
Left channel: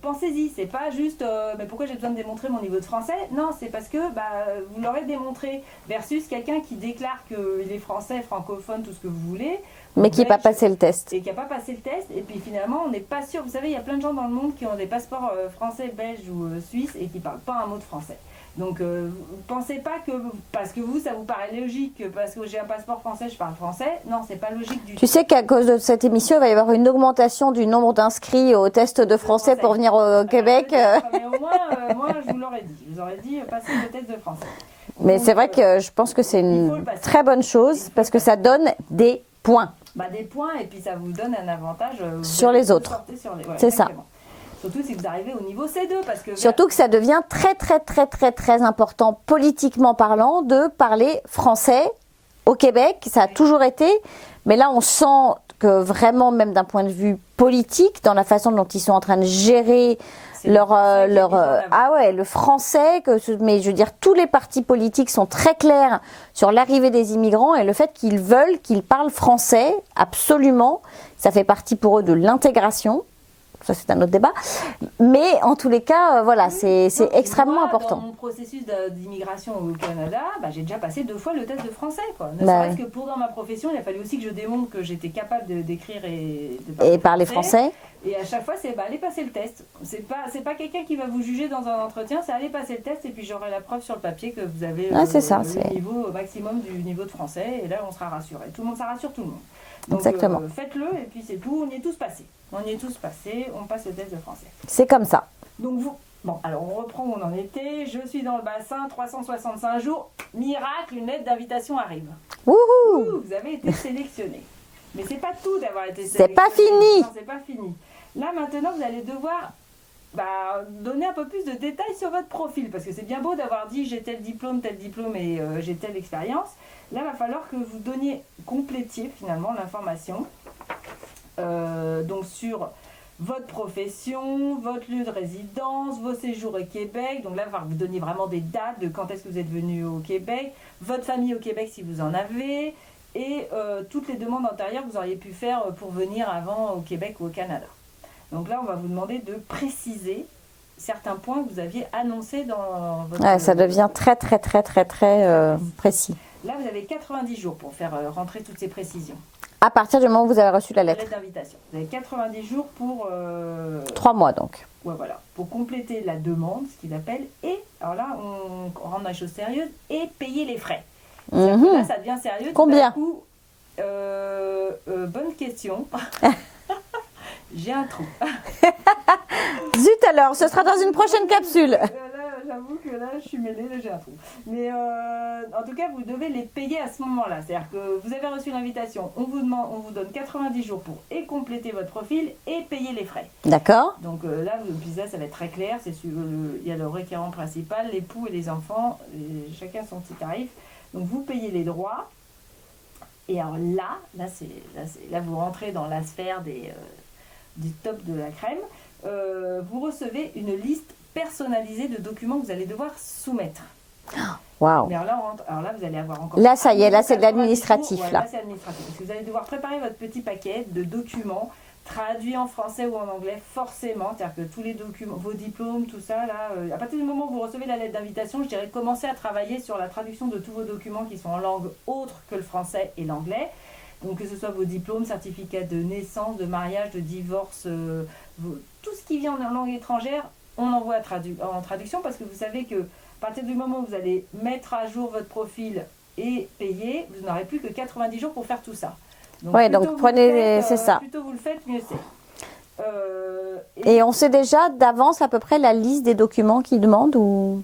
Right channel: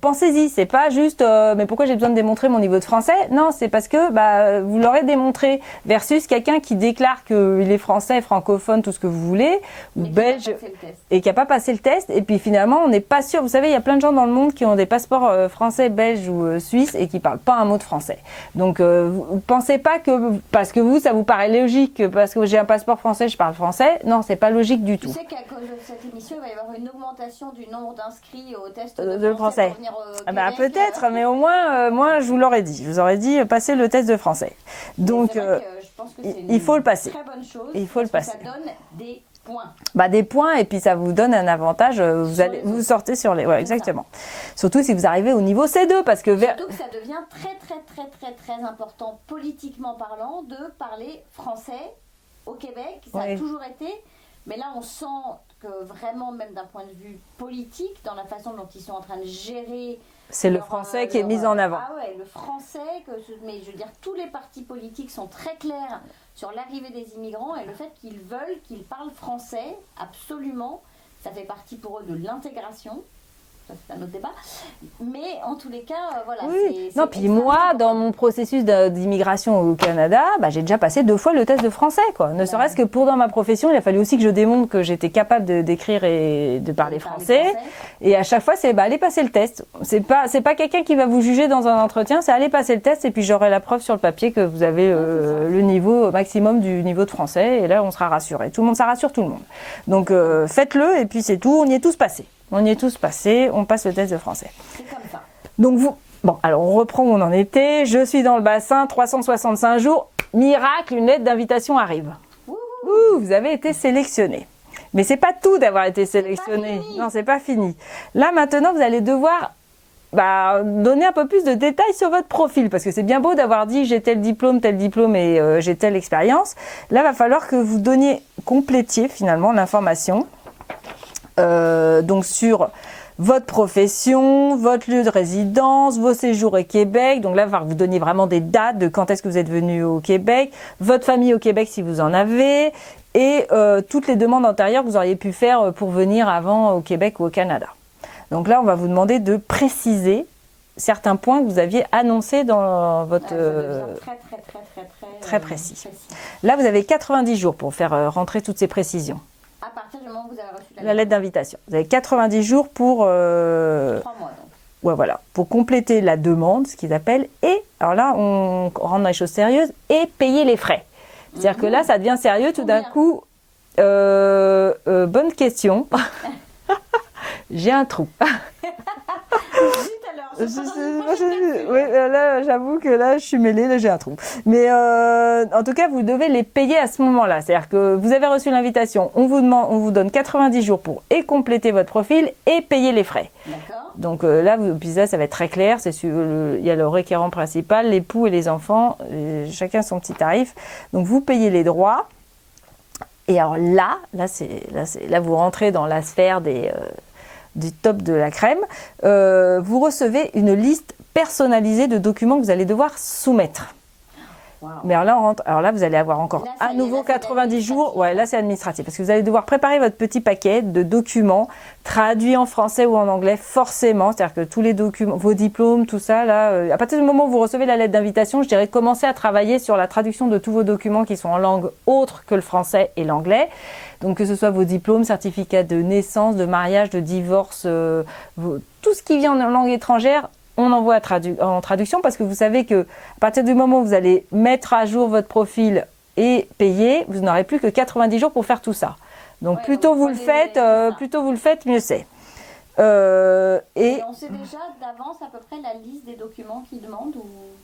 pensez-y, c'est pas juste mais pourquoi j'ai besoin de démontrer mon niveau de français? Non, c'est parce que vous l'aurez démontré versus quelqu'un qui déclare qu'il est français, francophone, tout ce que vous voulez, mais qui n'a pas passé le test. Et qui n'a pas passé le test, et puis finalement on n'est pas sûr. Vous savez, il y a plein de gens dans le monde qui ont des passeports français, belges ou suisses et qui ne parlent pas un mot de français. Donc vous pensez pas que parce que vous, ça vous paraît logique, parce que j'ai un passeport français, je parle français. Non, c'est pas logique du tout. Tu sais qu'à cause de cette émission, il va y avoir une augmentation du nombre d'inscrits au test de français pour venir au Québec. Peut-être, mais au moins, moi, je vous l'aurais dit. Je vous aurais dit, passer le test de français. Donc, mais c'est vrai que je pense que c'est une très bonne chose parce que ça donne des points. Des points, et puis ça vous donne un avantage. Sur les autres. Vous sortez sur les... Ouais, exactement. Ça. Surtout si vous arrivez au niveau C2. Parce que surtout que ça devient très, très, très, très, très important, politiquement parlant, de parler français au Québec. Ça a toujours été. Mais là, on sent que vraiment, même d'un point de vue politique, dans la façon dont ils sont en train de gérer leur qui est mis en avant. Ah ouais, le français, mais je veux dire, tous les partis politiques sont très clairs sur l'arrivée des immigrants et le fait qu'ils veulent qu'ils parlent français, absolument. Ça fait partie pour eux de l'intégration. Ça, c'est un autre débat. Mais en tous les cas, voilà, c'est extrêmement important. Dans mon processus d'immigration au Canada, j'ai déjà passé 2 fois le test de français, quoi. Ne serait-ce que dans ma profession, il a fallu aussi que je démontre que j'étais capable d'écrire et de parler français. Et à chaque fois, c'est aller passer le test. C'est pas quelqu'un qui va vous juger dans un entretien, c'est aller passer le test et puis j'aurai la preuve sur le papier que vous avez le niveau maximum du niveau de français. Et là, on sera rassuré. Tout le monde, ça rassure tout le monde. Donc, faites-le et puis c'est tout. On y est tous passés. On y est tous passés, on passe le test de français. C'est comme ça. Donc alors on reprend où on en était. Je suis dans le bassin, 365 jours. Miracle, une lettre d'invitation arrive. Wouhou! Vous avez été sélectionné. Mais c'est pas tout d'avoir été sélectionné. C'est pas fini. Non, c'est pas fini. Là maintenant, vous allez devoir donner un peu plus de détails sur votre profil. Parce que c'est bien beau d'avoir dit j'ai tel diplôme et j'ai telle expérience. Là, il va falloir que vous complétiez finalement l'information. Donc sur votre profession, votre lieu de résidence, vos séjours au Québec. Donc là, il va vous donner vraiment des dates de quand est-ce que vous êtes venu au Québec, votre famille au Québec si vous en avez, et toutes les demandes antérieures que vous auriez pu faire pour venir avant au Québec ou au Canada. Donc là, on va vous demander de préciser certains points que vous aviez annoncés dans votre... ça devient très précis. Là, vous avez 90 jours pour faire rentrer toutes ces précisions. À partir du moment où vous avez reçu la lettre d'invitation. Vous avez 90 jours pour... 3 mois donc. Ouais, voilà. Pour compléter la demande, ce qu'ils appellent, et, alors là, on rentre dans les choses sérieuses, et payer les frais. C'est-à-dire que là, ça devient sérieux. Tout d'un coup, bonne question. J'ai un trou. Zut alors, ce sera dans une prochaine capsule. Là, j'avoue que là, je suis mêlée, là, j'ai un trou. Mais en tout cas, vous devez les payer à ce moment-là. C'est-à-dire que vous avez reçu l'invitation, on vous donne 90 jours pour compléter votre profil et payer les frais. D'accord. Donc là, ça va être très clair. Il y a le requérant principal, l'époux et les enfants, chacun son petit tarif. Donc vous payez les droits. Et alors là, vous rentrez dans la sphère du top de la crème, vous recevez une liste personnalisée de documents que vous allez devoir soumettre. Waouh. Mais alors là, vous allez avoir encore. Là, ça à y est, nouveau là, c'est de 90 l'administratif. jours. Ouais, là, c'est administratif. Parce que vous allez devoir préparer votre petit paquet de documents traduits en français ou en anglais, forcément. C'est-à-dire que tous les documents, vos diplômes, tout ça, là, à partir du moment où vous recevez la lettre d'invitation, je dirais commencez à travailler sur la traduction de tous vos documents qui sont en langue autre que le français et l'anglais. Donc, que ce soit vos diplômes, certificats de naissance, de mariage, de divorce, tout ce qui vient en langue étrangère, on envoie en traduction parce que vous savez que à partir du moment où vous allez mettre à jour votre profil et payer, vous n'aurez plus que 90 jours pour faire tout ça. Donc, Ouais, plutôt, donc plutôt vous le faites, mieux c'est. Et on sait déjà d'avance à peu près la liste des documents qu'ils demandent ou...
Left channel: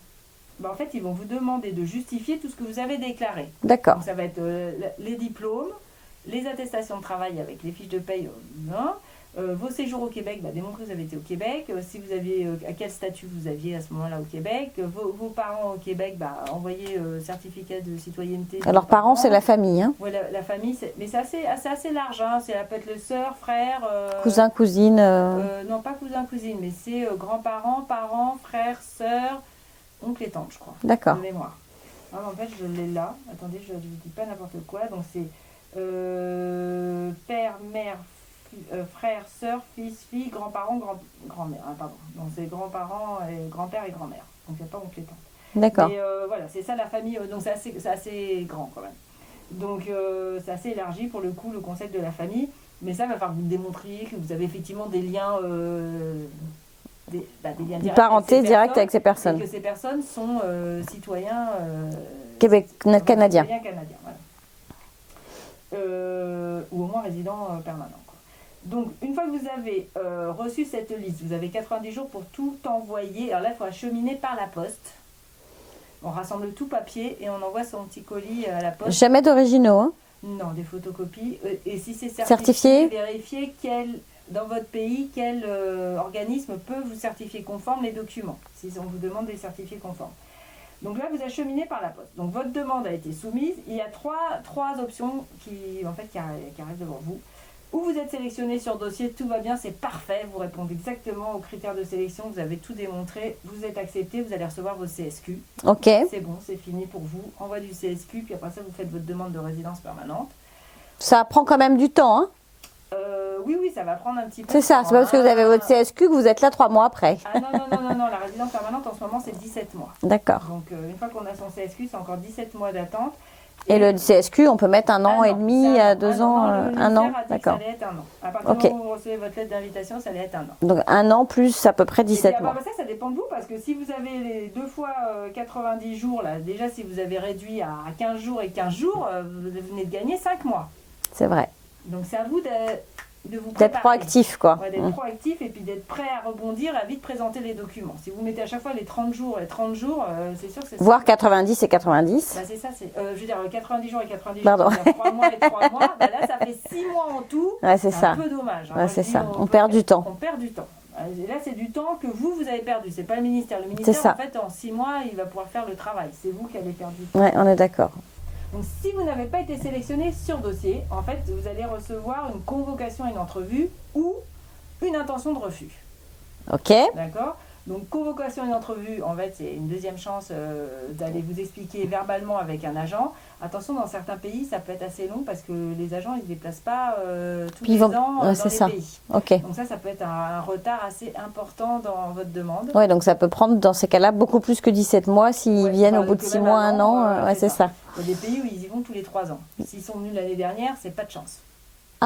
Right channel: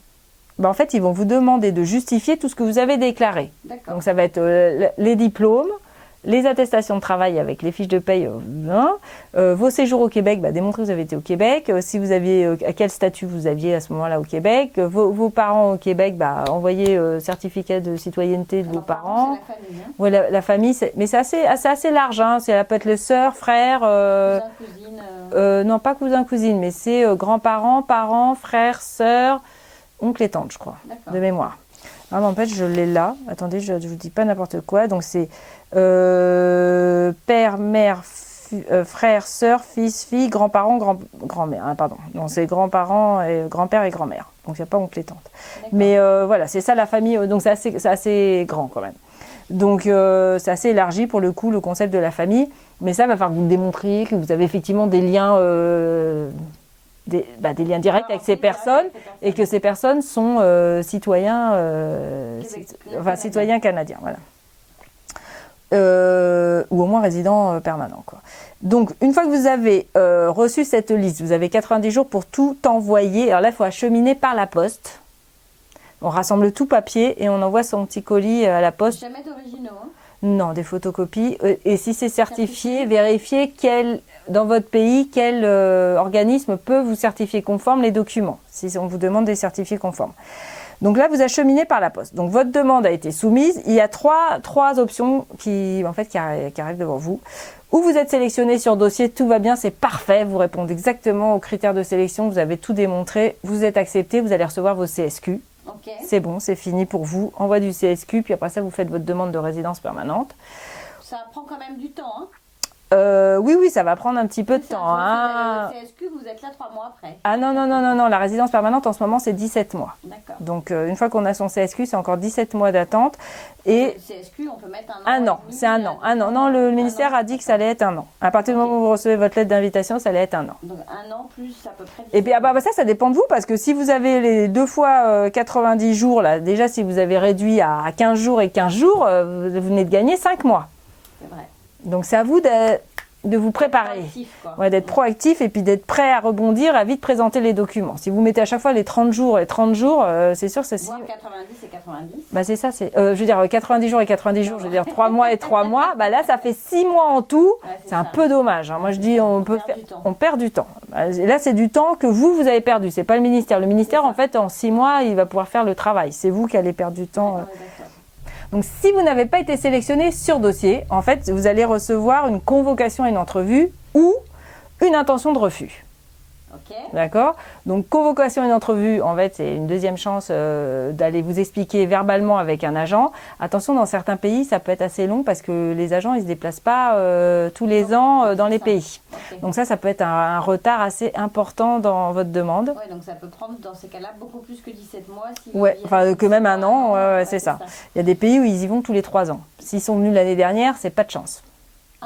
En fait, ils vont vous demander de justifier tout ce que vous avez déclaré. D'accord. Donc ça va être les diplômes, les attestations de travail avec les fiches de paye, vos séjours au Québec, démontrer que vous avez été au Québec, si vous aviez, à quel statut vous aviez à ce moment-là au Québec, vos parents au Québec, envoyer certificat de citoyenneté. De Alors parents, c'est la famille. Hein. Oui, la famille, mais c'est assez large. Hein. Ça peut être le sœur, frère. Cousin, cousine. Non, pas cousin, cousine, mais c'est grands-parents, parents, frères, sœurs, oncle et tante, je crois. D'accord. De mémoire. Ah, mais en fait, je l'ai là. Attendez, je ne vous dis pas n'importe quoi. Donc c'est père, mère, frère, sœur, fils, fille, grands-parents, grand-mère. Pardon. Non, c'est grands-parents, grand-père et grand-mère. Donc il n'y a pas oncle et tante. D'accord. Mais voilà, c'est ça la famille. Donc c'est assez grand quand même. Donc c'est assez élargi pour le coup, le concept de la famille. Mais ça va falloir que vous démontriez que vous avez effectivement des liens... des liens directs avec ces personnes et que ces personnes sont citoyens canadiens, voilà. Ou au moins résidents permanents, quoi. Donc, une fois que vous avez reçu cette liste, vous avez 90 jours pour tout envoyer. Alors là, il faut acheminer par la poste. On rassemble tout papier et on envoie son petit colis à la poste. Jamais d'originaux, hein? Non, des photocopies. Et si c'est certifié, vérifiez dans votre pays, quel organisme peut vous certifier conforme les documents, si on vous demande des certifiés conformes. Donc là, vous acheminez par la poste. Donc votre demande a été soumise. Il y a trois options qui arrivent devant vous. Ou vous êtes sélectionné sur dossier, tout va bien, c'est parfait. Vous répondez exactement aux critères de sélection, vous avez tout démontré, vous êtes accepté, vous allez recevoir vos CSQ. Ok. C'est bon, c'est fini pour vous. Envoi du CSQ, puis après ça, vous faites votre demande de résidence permanente. Ça prend quand même du temps, hein? Oui, ça va prendre un petit peu de temps. C'est ça, c'est parce que vous avez votre CSQ que vous êtes là 3 mois après. Ah non, la résidence permanente en ce moment c'est 17 mois. D'accord. Donc une fois qu'on a son CSQ, c'est encore 17 mois d'attente. Et le CSQ, on peut mettre un an et demi, 2 ans. Non, le ministère a dit que ça allait être un an. À partir du moment où vous recevez votre lettre d'invitation, ça allait être un an. Donc un an plus à peu près 17 mois. Ça dépend de vous, parce que si vous avez les 2 fois 90 jours, là, déjà si vous avez réduit à 15 jours et 15 jours, vous venez de gagner 5 mois. C'est vrai. Donc c'est à vous de vous préparer. D'être proactif, quoi. Ouais, d'être proactif et puis d'être prêt à rebondir, à vite présenter les documents. Si vous mettez à chaque fois les 30 jours et 30 jours, c'est sûr que c'est... Voire 90 et 90. C'est ça, je veux dire 90 jours et 90 jours, je veux dire 3 mois et 3 mois. Là, ça fait 6 mois en tout. Ouais, c'est un peu dommage. Hein. Ouais, moi, je dis, on perd du temps. On perd du temps. Et là, c'est du temps que vous avez perdu. C'est pas le ministère. Le ministère, en fait, en 6 mois, il va pouvoir faire le travail. C'est vous qui allez perdre du temps. Ouais, on est d'accord. Donc, si vous n'avez pas été sélectionné sur dossier, en fait, vous allez recevoir une convocation à une entrevue ou une intention de refus. Ok. D'accord. Donc, convocation et une entrevue, en fait, c'est une deuxième chance d'aller vous expliquer verbalement avec un agent. Attention, dans certains pays, ça peut être assez long parce que les agents, ils ne se déplacent pas tous les ans dans les pays. Okay. Donc ça peut être un retard assez important dans votre demande. Oui, donc ça peut prendre, dans ces cas-là, beaucoup plus que 17 mois s'ils viennent au bout de 6 mois, un an. C'est ça. Il y a des pays où ils y vont tous les 3 ans. S'ils sont venus l'année dernière, c'est pas de chance.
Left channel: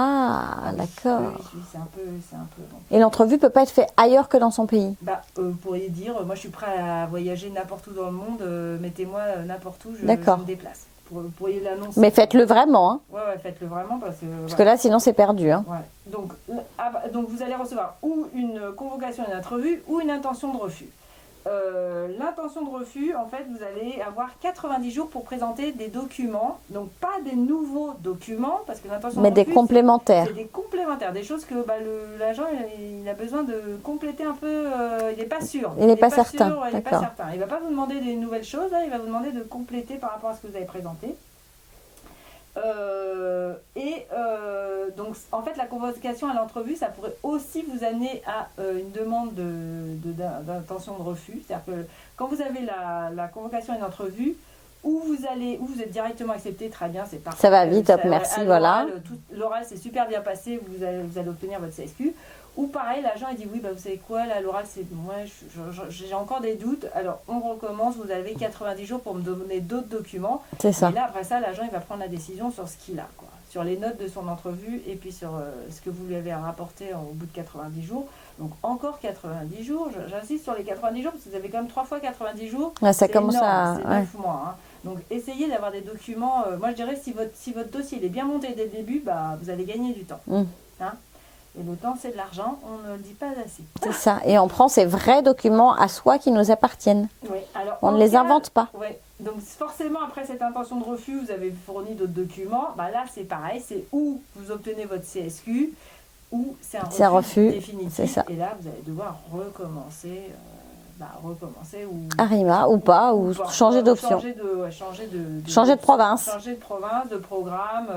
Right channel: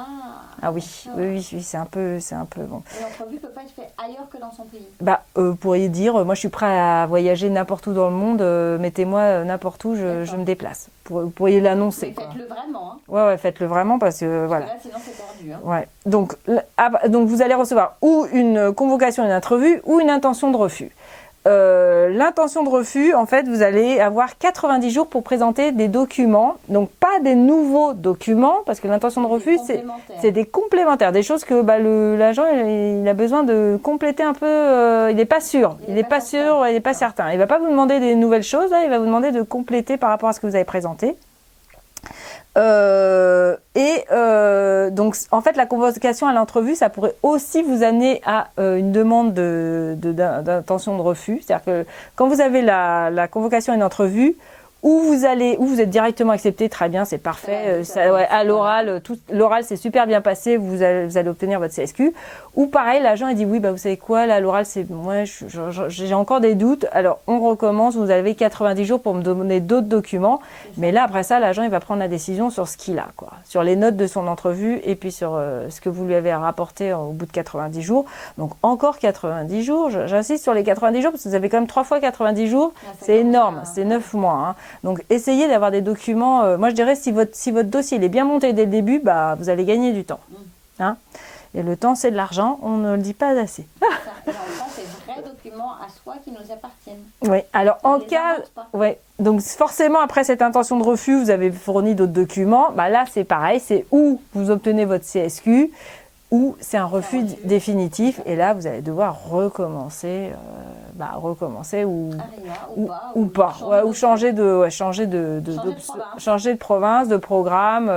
Ah oui, d'accord. Oui, c'est un peu bon. Et l'entrevue peut pas être faite ailleurs que dans son pays? Vous pourriez dire, moi je suis prêt à voyager n'importe où dans le monde, mettez-moi n'importe où, je me déplace. Vous pourriez l'annoncer. Mais faites-le vraiment. Hein. Ouais, faites-le vraiment parce que... Parce que là, sinon c'est perdu. Hein. Ouais. Donc vous allez recevoir ou une convocation, une entrevue, ou une intention de refus. L'intention de refus, en fait, vous allez avoir 90 jours pour présenter des documents, donc pas des nouveaux documents, parce que l'intention de refus, des complémentaires. C'est des complémentaires, des choses que l'agent il a besoin de compléter un peu, il n'est pas sûr, il n'est pas certain. Il ne va pas vous demander des nouvelles choses, là, il va vous demander de compléter par rapport à ce que vous avez présenté. Donc, en fait, la convocation à l'entrevue, ça pourrait aussi vous amener à une demande d'intention de refus. C'est-à-dire que quand vous avez la convocation à une entrevue, où vous êtes directement accepté, très bien, c'est parfait. Ça va vite, merci, à l'oral, voilà. l'oral c'est super bien passé, vous allez obtenir votre CSQ. Ou pareil, l'agent il dit oui, bah vous savez quoi, là l'oral c'est moi j'ai encore des doutes. Alors on recommence, vous avez 90 jours pour me donner d'autres documents. C'est ça. Mais là après ça, l'agent il va prendre la décision sur ce qu'il a, quoi, sur les notes de son entrevue et puis sur ce que vous lui avez rapporté au bout de 90 jours. Donc encore 90 jours, j'insiste sur les 90 jours parce que vous avez quand même 3 fois 90 jours, Ouais, ça c'est commence énorme, c'est 9 mois. Hein. Donc essayez d'avoir des documents. Moi je dirais si votre dossier il est bien monté dès le début, bah, vous allez gagner du temps. Hein, et le temps c'est de l'argent, on ne le dit pas assez. C'est ça. Et on prend ces vrais documents à soi qui nous appartiennent. Oui, alors on ne les invente pas. Ouais. Donc forcément après cette intention de refus, vous avez fourni d'autres documents. Bah, là c'est pareil, c'est où vous obtenez votre CSQ ou c'est un refus définitif. Et là vous allez devoir recommencer. Ou Arima ou pas, ou changer d'option. Changer de province. Changer de province, de programme,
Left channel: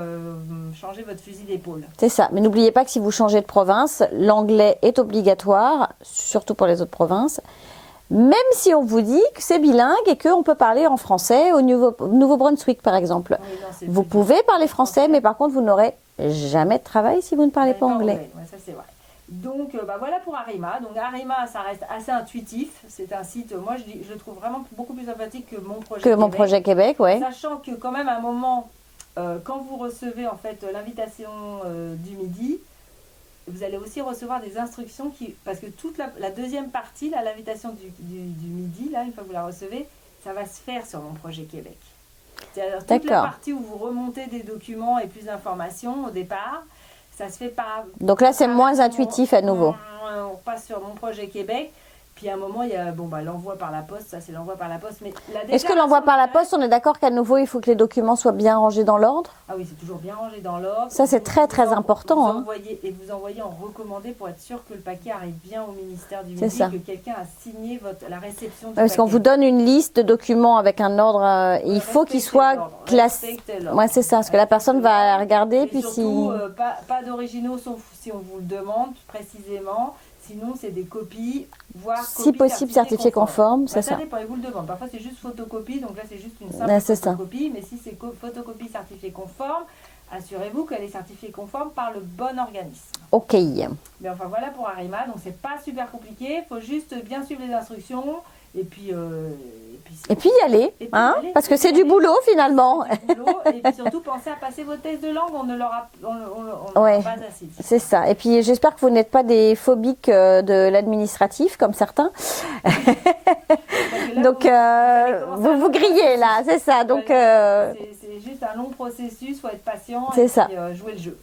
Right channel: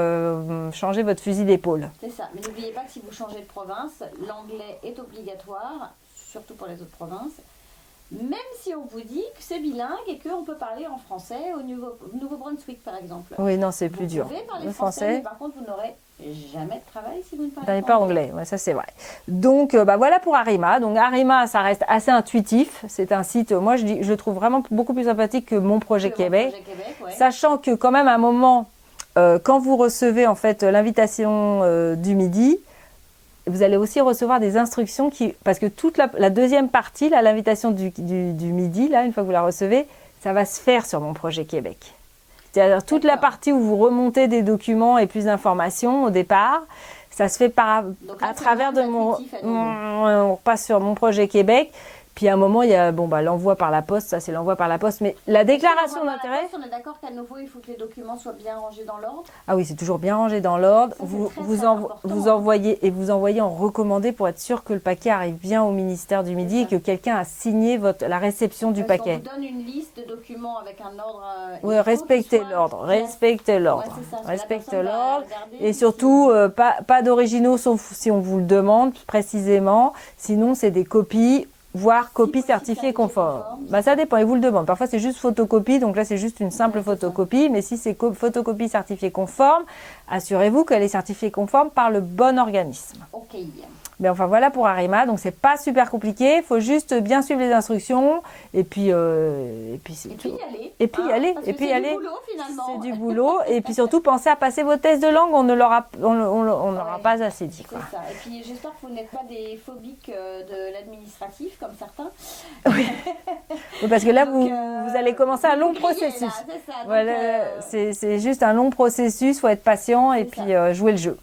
changer votre fusil d'épaule. C'est ça. Mais n'oubliez pas que si vous changez de province, l'anglais est obligatoire, surtout pour les autres provinces. Même si on vous dit que c'est bilingue et qu'on peut parler en français au Nouveau-Brunswick, par exemple. Oui, non, c'est vous pouvez parler français, mais par contre, vous n'aurez jamais de travail si vous ne parlez pas anglais. Ouais, ça, c'est vrai. Donc, voilà pour Arima. Donc, Arima, ça reste assez intuitif. C'est un site, moi, je le trouve vraiment beaucoup plus sympathique que Mon Projet Québec. Mon Projet Québec, ouais. Sachant que, quand même, à un moment, quand vous recevez, en fait, l'invitation du midi, vous allez aussi recevoir des instructions parce que toute la deuxième partie, là, l'invitation du midi, là, une fois que vous la recevez, ça va se faire sur Mon Projet Québec. C'est-à-dire toute la partie où vous remontez des documents et plus d'informations au départ, ça se fait par. Donc là, c'est moins intuitif à nouveau. On repasse sur Mon Projet Québec. Puis à un moment, il y a l'envoi par la poste, ça c'est l'envoi par la poste. Mais la déclaration. Est-ce que l'envoi par la poste, on est d'accord qu'à nouveau, il faut que les documents soient bien rangés dans l'ordre? Ah oui, c'est toujours bien rangé dans l'ordre. Ça, c'est très important. Vous envoyez en recommandé pour être sûr que le paquet arrive bien au ministère du Midi et que quelqu'un a signé la réception du paquet. Parce qu'on vous donne une liste de documents avec un ordre, il faut qu'il soit classé. Respectez l'ordre. Ouais, c'est ça, parce que la personne va regarder. Et surtout, pas d'originaux sauf si on vous le demande précisément. Sinon, c'est des copies. Voire copie certifiée conforme. Ça dépend, ils vous le demandent. Parfois, c'est juste photocopie, donc là, c'est juste une simple photocopie. Mais si c'est photocopie certifiée conforme, assurez-vous qu'elle est certifiée conforme par le bon organisme. Ok. Mais enfin, voilà pour Arima. Donc, c'est pas super compliqué. Il faut juste bien suivre les instructions et puis y aller. Parce que c'est du boulot, finalement. C'est du boulot. Et puis surtout, pensez à passer vos tests de langue. On n'aura pas assez dit. C'est ça. Et puis, j'espère que vous n'êtes pas des phobiques de l'administratif, comme certains. Parce que là, vous allez commencer à vous griller, là, c'est ça. Donc, c'est juste un long processus, il faut être patient et puis jouer le jeu.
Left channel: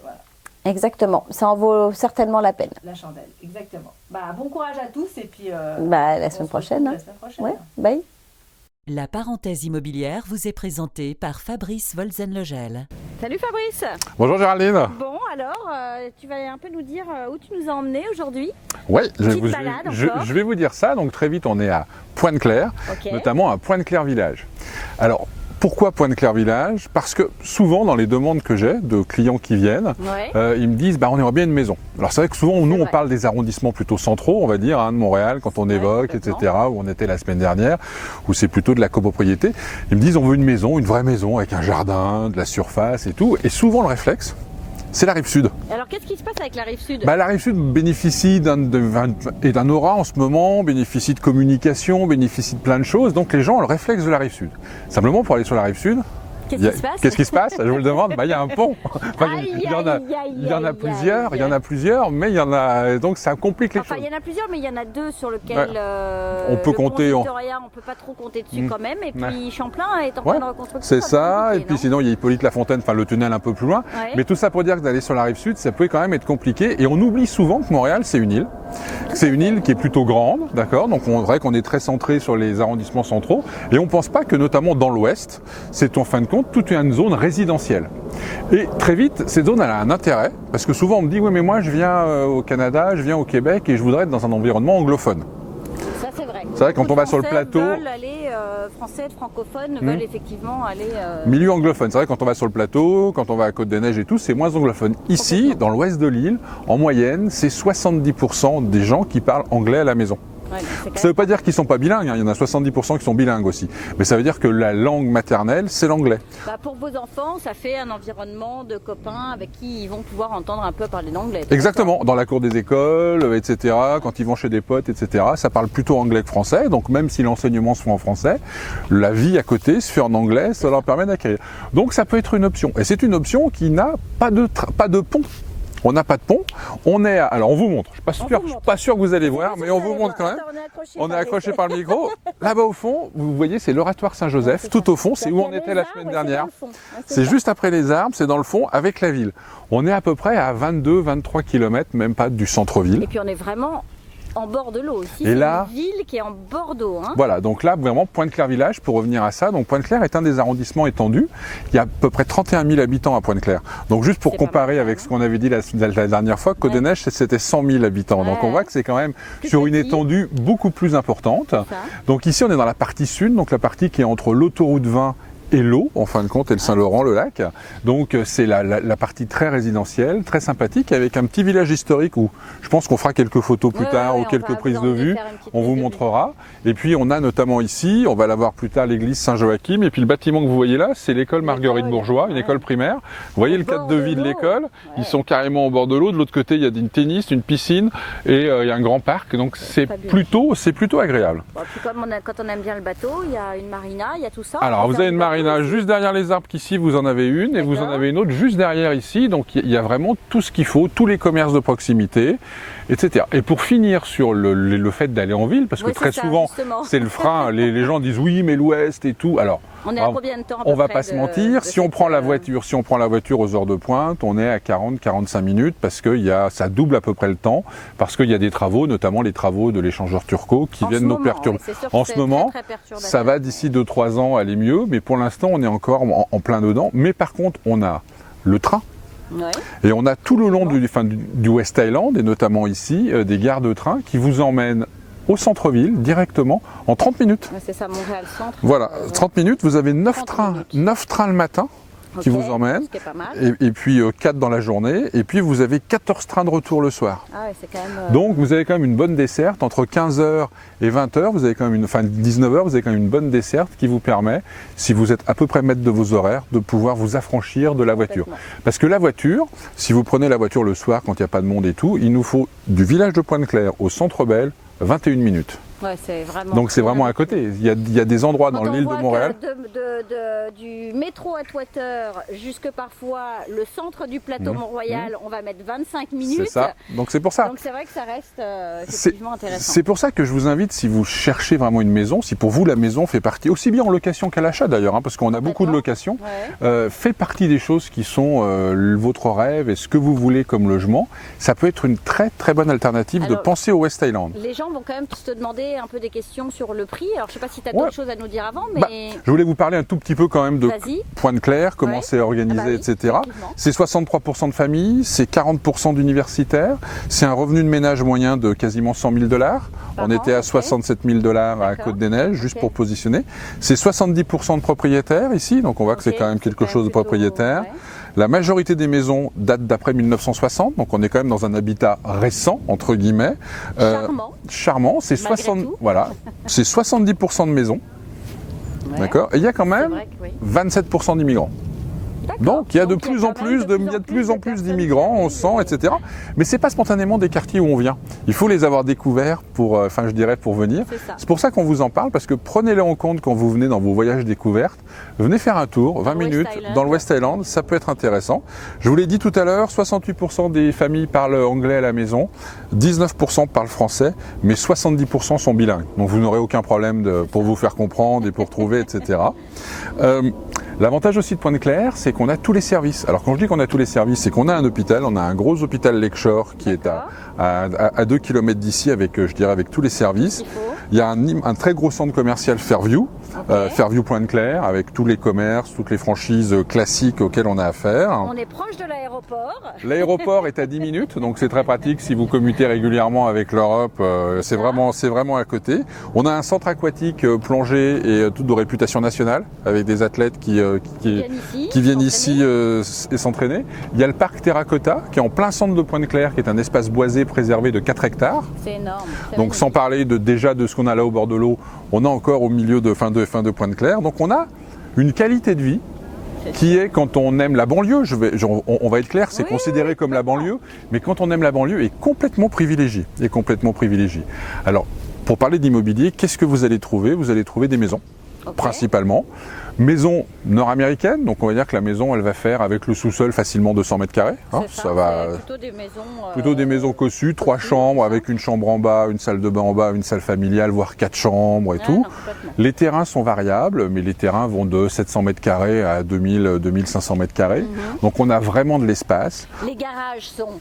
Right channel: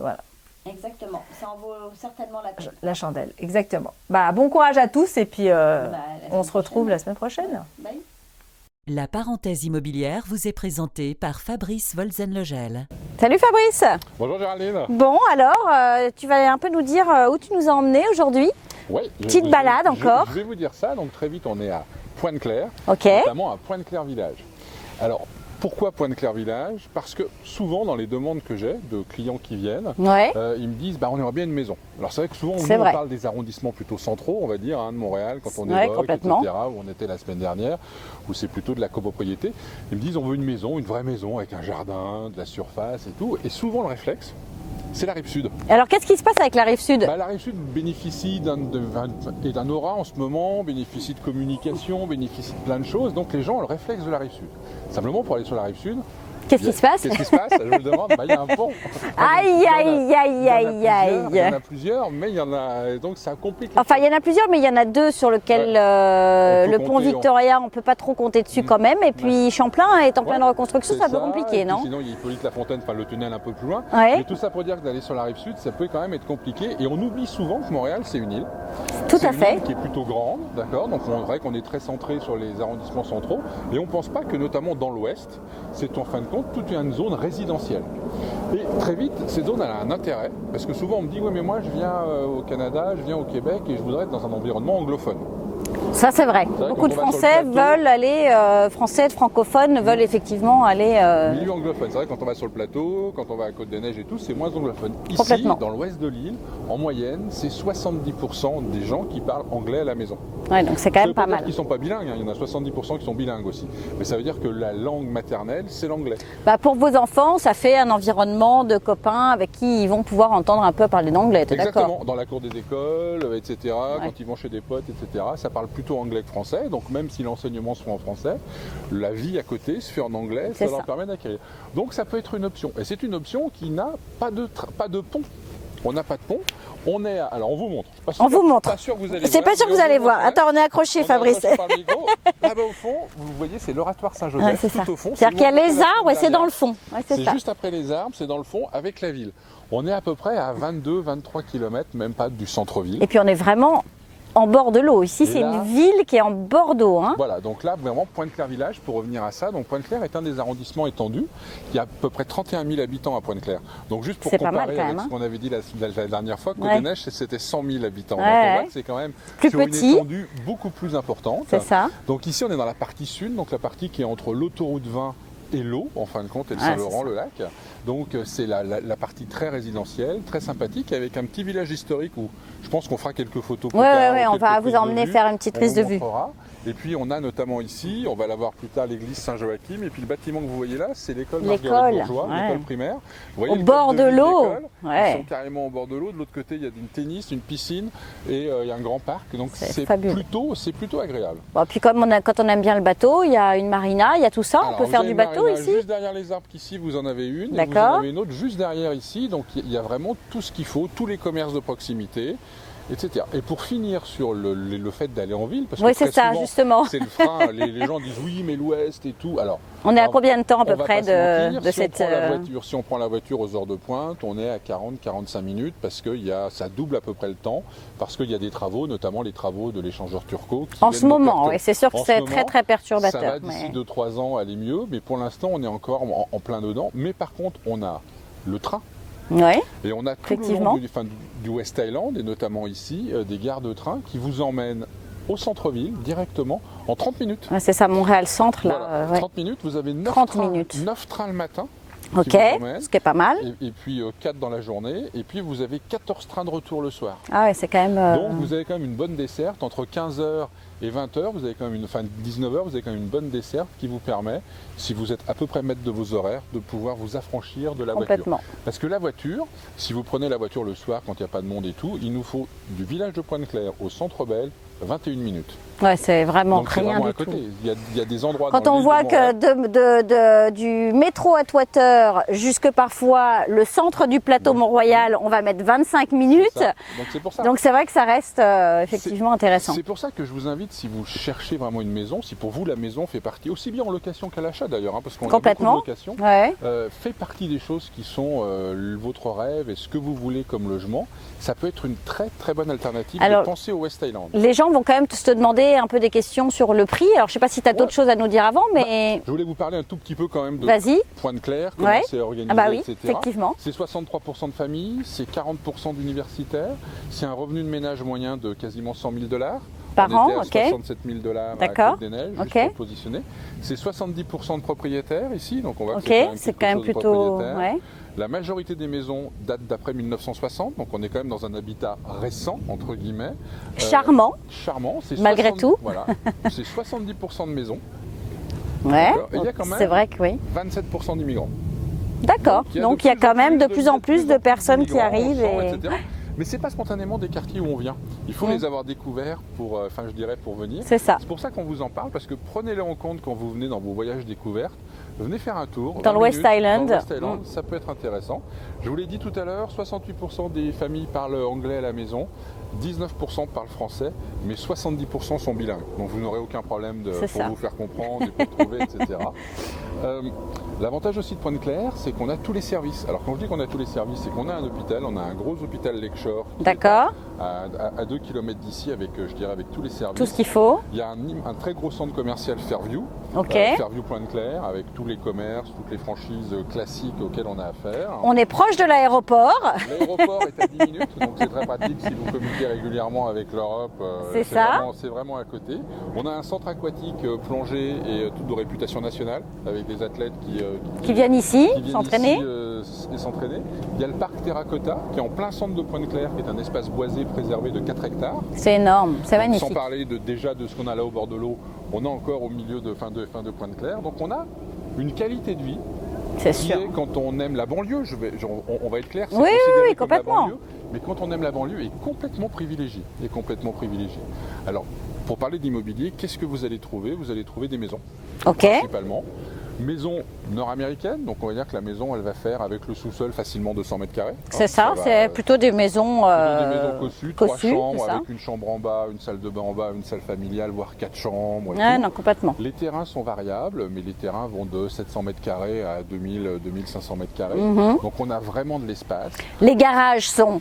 Voilà. Exactement, ça en vaut certainement la peine. La chandelle, exactement. Bon courage à tous et puis on se retrouve la semaine prochaine. Ouais. Bye. La parenthèse immobilière vous est présentée par Fabrice Wolzenlegel. Salut Fabrice. Bonjour Géraldine. Bon alors, tu vas un peu nous dire où tu nous as emmenés aujourd'hui. Oui, petite balade encore. Je vais vous dire ça, donc très vite on est à Pointe-Claire, notamment à Pointe-Claire Village. Alors, pourquoi Pointe-Claire Village? Parce que souvent dans les demandes que j'ai de clients qui viennent, ils me disent on aimerait bien une maison. Alors c'est vrai que souvent on parle des arrondissements plutôt centraux, on va dire, de Montréal quand on évoque, etc., où on était la semaine dernière, où c'est plutôt de la copropriété. Ils me disent on veut une maison, une vraie maison avec un jardin, de la surface et tout. Et souvent le réflexe, c'est la Rive-Sud. Alors qu'est-ce qui se passe avec la Rive-Sud? La Rive-Sud bénéficie d'un aura en ce moment, bénéficie de communication, bénéficie de plein de choses. Donc les gens ont le réflexe de la Rive-Sud. Simplement pour aller sur la Rive-Sud, Qu'est-ce qui se passe? Je vous le demande. Il y a un pont. Il y en a plusieurs, mais il y en a. Donc ça complique les choses. Il y en a plusieurs, mais il y en a deux sur lesquels le pont Victoria, on ne peut pas trop compter dessus quand même. Et puis Champlain est en pleine reconstruction. C'est ça. Et puis sinon, il y a Hippolyte-Lafontaine, le tunnel un peu plus loin. Mais tout ça pour dire que d'aller sur la rive sud, ça peut quand même être compliqué. Et on oublie souvent que Montréal, c'est une île. C'est une île qui est plutôt grande, d'accord. Donc on dirait qu'on est très centré sur les arrondissements centraux. Et on ne pense pas que notamment dans l'ouest, c'est en fin de compte toute une zone résidentielle. Et très vite, cette zone elle a un intérêt, parce que souvent on me dit oui mais moi je viens au Canada, je viens au Québec et je voudrais être dans un environnement anglophone. Ça, c'est vrai. C'est vrai, quand on va sur le plateau, veulent aller, Français francophones veulent effectivement aller... Milieu anglophone. C'est vrai, quand on va sur le plateau, quand on va à Côte-des-Neiges et tout, c'est moins anglophone. Ici, dans l'ouest de l'île, en moyenne, c'est 70% des gens qui parlent anglais à la maison. Ouais, donc ça ne veut pas dire qu'ils ne sont pas bilingues, hein. Il y en a 70% qui sont bilingues aussi. Mais ça veut dire que la langue maternelle, c'est l'anglais. Pour vos enfants, ça fait un environnement de copains avec qui ils vont pouvoir entendre un peu parler d'anglais. Exactement, dans la cour des écoles, etc., quand ils vont chez des potes, etc., ça parle plutôt anglais que français. Donc même si l'enseignement se fait en français, la vie à côté se fait en anglais, ça leur permet d'acquérir. Donc ça peut être une option. Et c'est une option qui n'a pas de pont. On n'a pas de pont. Alors on vous montre. Je suis pas sûr que vous allez voir. C'est pas sûr que vous allez voir. Attends, on est accroché, Fabrice. On est accroché par le micro. Là-bas au fond, vous voyez, c'est l'oratoire Saint-Joseph, tout au fond. C'est-à-dire qu'il y a les arbres et c'est dans le fond. C'est juste après les arbres, c'est dans le fond avec la ville. On est à peu près à 22-23 km, même pas du centre-ville. Et puis on est vraiment en bord de l'eau. Ici, c'est une ville qui est en bord d'eau. Hein. Voilà, donc là, vraiment, Pointe-Claire Village, pour revenir à ça. Donc Pointe-Claire est un des arrondissements étendus. Il y a à peu près 31 000 habitants à Pointe-Claire. Donc juste pour comparer avec ce qu'on avait dit la dernière fois, Côte-des-Neiges, c'était 100 000 habitants. Donc on voit que c'est quand même sur une étendue beaucoup plus importante. Donc ici, on est dans la partie sud, donc la partie qui est entre l'autoroute 20 et l'eau, en fin de compte, et le Saint-Laurent, le lac. Donc c'est la partie très résidentielle, très sympathique, avec un petit village historique où je pense qu'on fera quelques photos plus tard ou quelques prises de vue. On vous montrera. Et puis on a notamment ici, on va la voir plus tard, l'église Saint-Joachim. Et puis le bâtiment que vous voyez là, c'est l'école Marguerite Bourgeois, l'école primaire. Vous voyez le cadre de vie de l'école. Ils sont carrément au bord de l'eau. De l'autre côté, il y a une tennis, une piscine et il y a un grand parc. Donc c'est plutôt agréable. Bon, puis quand on aime bien le bateau, il y a une marina, il y a tout ça. Alors vous avez une marina juste derrière les arbres qu'ici, vous en avez une, et vous en avez une autre juste derrière ici. Donc il y a vraiment tout ce qu'il faut, tous les commerces de proximité, etc. Et pour finir sur le fait d'aller en ville, parce que très souvent c'est le frein, les gens disent oui mais l'ouest et tout. Alors on est à combien de temps à peu près? On va pas se mentir, si on prend la voiture aux heures de pointe, on est à 40-45 minutes parce que ça double à peu près le temps, parce qu'il y a des travaux, notamment les travaux de l'échangeur turco qui viennent nous perturber. C'est sûr que c'est très perturbateur. Ça va d'ici 2-3 ans aller mieux, mais pour l'instant on est encore en plein dedans. Mais par contre on a le train. Et on a tout le long du West Island, et notamment ici, des gares de train qui vous emmènent au centre-ville directement en 30 minutes. C'est ça, Montréal Centre. Voilà, 30 minutes, vous avez 9 trains le matin qui vous emmènent. Ce qui est pas mal. Et puis 4 dans la journée, et puis vous avez 14 trains de retour le soir. Ah ouais, c'est quand même... Donc vous avez quand même une bonne desserte, entre 15h et 20h, vous avez quand même 19h, vous avez quand même une bonne desserte qui vous permet, si vous êtes à peu près maître de vos horaires, de pouvoir vous affranchir de la voiture. Parce que la voiture, si vous prenez la voiture le soir quand il n'y a pas de monde et tout, il nous faut du village de Pointe-Claire au Centre Bell 21 minutes. Ouais, c'est vraiment. Donc c'est vraiment à côté. Il y a des endroits dans l'île de Montréal. Quand on voit que du métro à Atwater jusque parfois le centre du plateau Mont-Royal, on va mettre 25 minutes. C'est ça. Donc c'est pour ça. Donc c'est vrai que ça reste effectivement intéressant. C'est pour ça que je vous invite, si vous cherchez vraiment une maison, si pour vous la maison fait partie, aussi bien en location qu'à l'achat d'ailleurs, hein, parce qu'on a beaucoup de locations, fait partie des choses qui sont votre rêve et ce que vous voulez comme logement, ça peut être une très très bonne alternative de penser au West Island. Les gens vont quand même se demander un peu des questions sur le prix. Alors je ne sais pas si tu as d'autres choses à nous dire avant, mais... je voulais vous parler un tout petit peu quand même de Pointe-Claire, comment c'est organisé, etc. C'est 63% de familles, c'est 40% d'universitaires, c'est un revenu de ménage moyen de quasiment 100 000 $. On était à 67 000 $ à Côte-des-Neiges, juste pour positionner. C'est 70% de propriétaires ici, donc on voit que c'est quand même quelque chose de propriétaire. La majorité des maisons datent d'après 1960, donc on est quand même dans un habitat récent, entre guillemets. Charmant, c'est malgré tout. Voilà, c'est 70% de maisons. D'accord. Et il y a quand même 27% d'immigrants. D'accord. Donc il y a quand même de plus en plus de personnes d'immigrants, on sent, etc. Mais c'est pas spontanément des quartiers où on vient. Il faut les avoir découverts pour venir. C'est pour ça qu'on vous en parle, parce que prenez-les en compte quand vous venez dans vos voyages découvertes. Venez faire un tour, 20 minutes, dans le West Island, ça peut être intéressant. Je vous l'ai dit tout à l'heure, 68% des familles parlent anglais à la maison, 19% parlent français, mais 70% sont bilingues. Donc vous n'aurez aucun problème pour vous faire comprendre et pour trouver, etc. L'avantage aussi de Pointe-Claire, c'est c'est qu'on a tous les services. Alors quand je dis qu'on a tous les services, c'est qu'on a un hôpital, on a un gros hôpital Lakeshore qui est à 2 km d'ici avec, je dirais, avec tous les services. Tout ce qu'il faut. Il y a un très gros centre commercial Fairview, Fairview Pointe-Claire, avec tous les commerces, toutes les franchises classiques auxquelles on a affaire. On est proche de l'aéroport. L'aéroport est à 10 minutes, donc c'est très pratique si vous commutez régulièrement avec l'Europe, c'est vraiment à côté. On a un centre aquatique plongée et tout de réputation nationale, avec des athlètes qui viennent ici, et s'entraîner. Il y a le parc Terracotta, qui est en plein centre de Pointe-Claire, qui est un espace boisé préservé de 4 hectares. C'est énorme, c'est donc magnifique. Sans parler déjà de ce qu'on a là au bord de l'eau, on a encore au milieu de fin de Pointe-Claire. Donc on a une qualité de vie qui est, quand on aime la banlieue, on va être clair, c'est considéré comme la banlieue, mais quand on aime la banlieue, est complètement privilégié. Alors, pour parler d'immobilier, qu'est-ce que vous allez trouver? Vous allez trouver des maisons, principalement. Maison nord-américaine, donc on va dire que la maison, elle va faire avec le sous-sol facilement 200 mètres carrés. C'est c'est plutôt des maisons... Plutôt des maisons cossues, 3 chambres, avec une chambre en bas, une salle de bain en bas, une salle familiale, voire 4 chambres et tout. Non, complètement. Les terrains sont variables, mais les terrains vont de 700 mètres carrés à 2500 mètres carrés. Donc on a vraiment de l'espace. Les garages sont...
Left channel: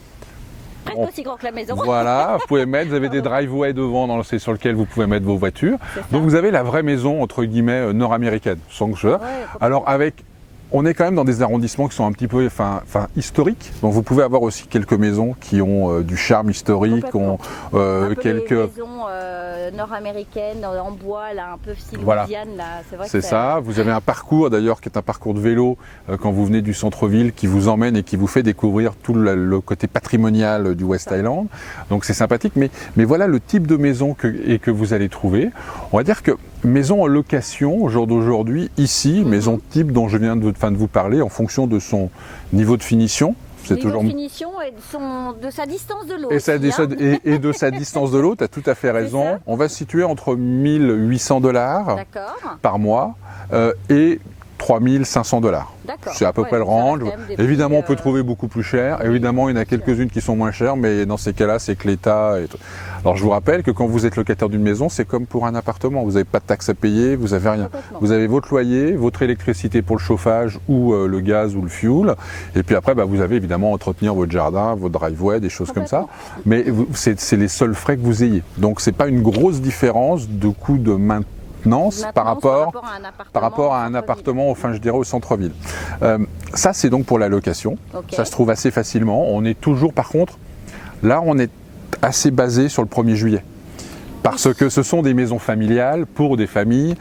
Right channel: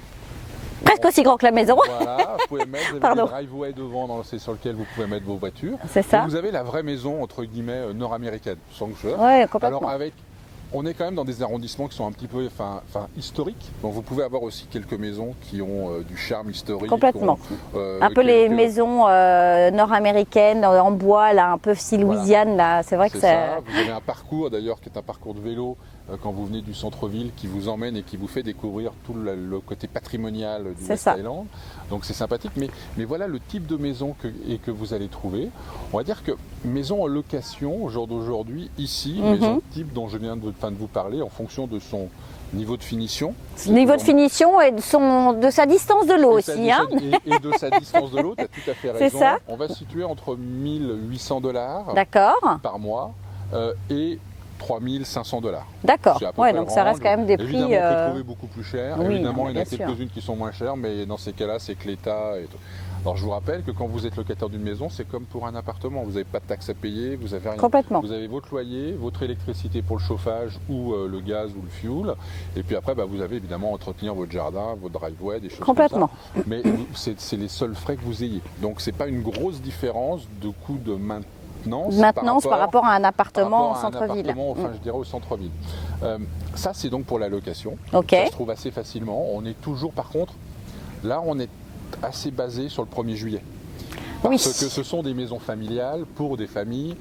presque aussi grand que la maison. Voilà, vous avez des driveways devant sur lesquels vous pouvez mettre vos voitures. Donc vous avez la vraie maison, entre guillemets, nord-américaine. Alors on est quand même dans des arrondissements qui sont un petit peu historiques. Donc vous pouvez avoir aussi quelques maisons qui ont du charme historique. Un peu les maisons nord-américaines en bois, là, un peu style Louisiane. Là. C'est vrai que c'est ça. Vous avez un parcours d'ailleurs qui est un parcours de vélo quand vous venez du centre-ville qui vous emmène et qui vous fait découvrir tout le côté patrimonial du West Island. Donc c'est sympathique. Mais voilà le type de maison que vous allez trouver. On va dire que maison en location au jour d'aujourd'hui, ici, maison type dont je viens de vous parler en fonction de son niveau de finition. Niveau de finition et de sa distance de l'eau aussi. Et de sa distance de l'eau, tu as tout à fait raison. On va se situer entre 1 800 $ par mois et 3 500 $. D'accord. C'est à peu près le range. Évidemment, on peut trouver beaucoup plus cher. Évidemment, il y en a quelques-unes qui sont moins chères, mais dans ces cas-là, c'est que l'État... Alors, je vous rappelle que quand vous êtes locataire d'une maison, c'est comme pour un appartement. Vous n'avez pas de taxes à payer, vous n'avez rien. Vous avez votre loyer, votre électricité pour le chauffage ou le gaz ou le fuel. Et puis après, vous avez évidemment à entretenir votre jardin, votre driveway, des choses comme ça. Mais c'est les seuls frais que vous ayez. Donc, ce n'est pas une grosse différence de coût de maintenance par rapport à un appartement, enfin je dirais au centre-ville. Ça c'est donc pour la location. Ça se trouve assez facilement. On est toujours, par contre, là on est assez basé sur le 1er juillet. Parce que ce sont des maisons familiales pour des familles,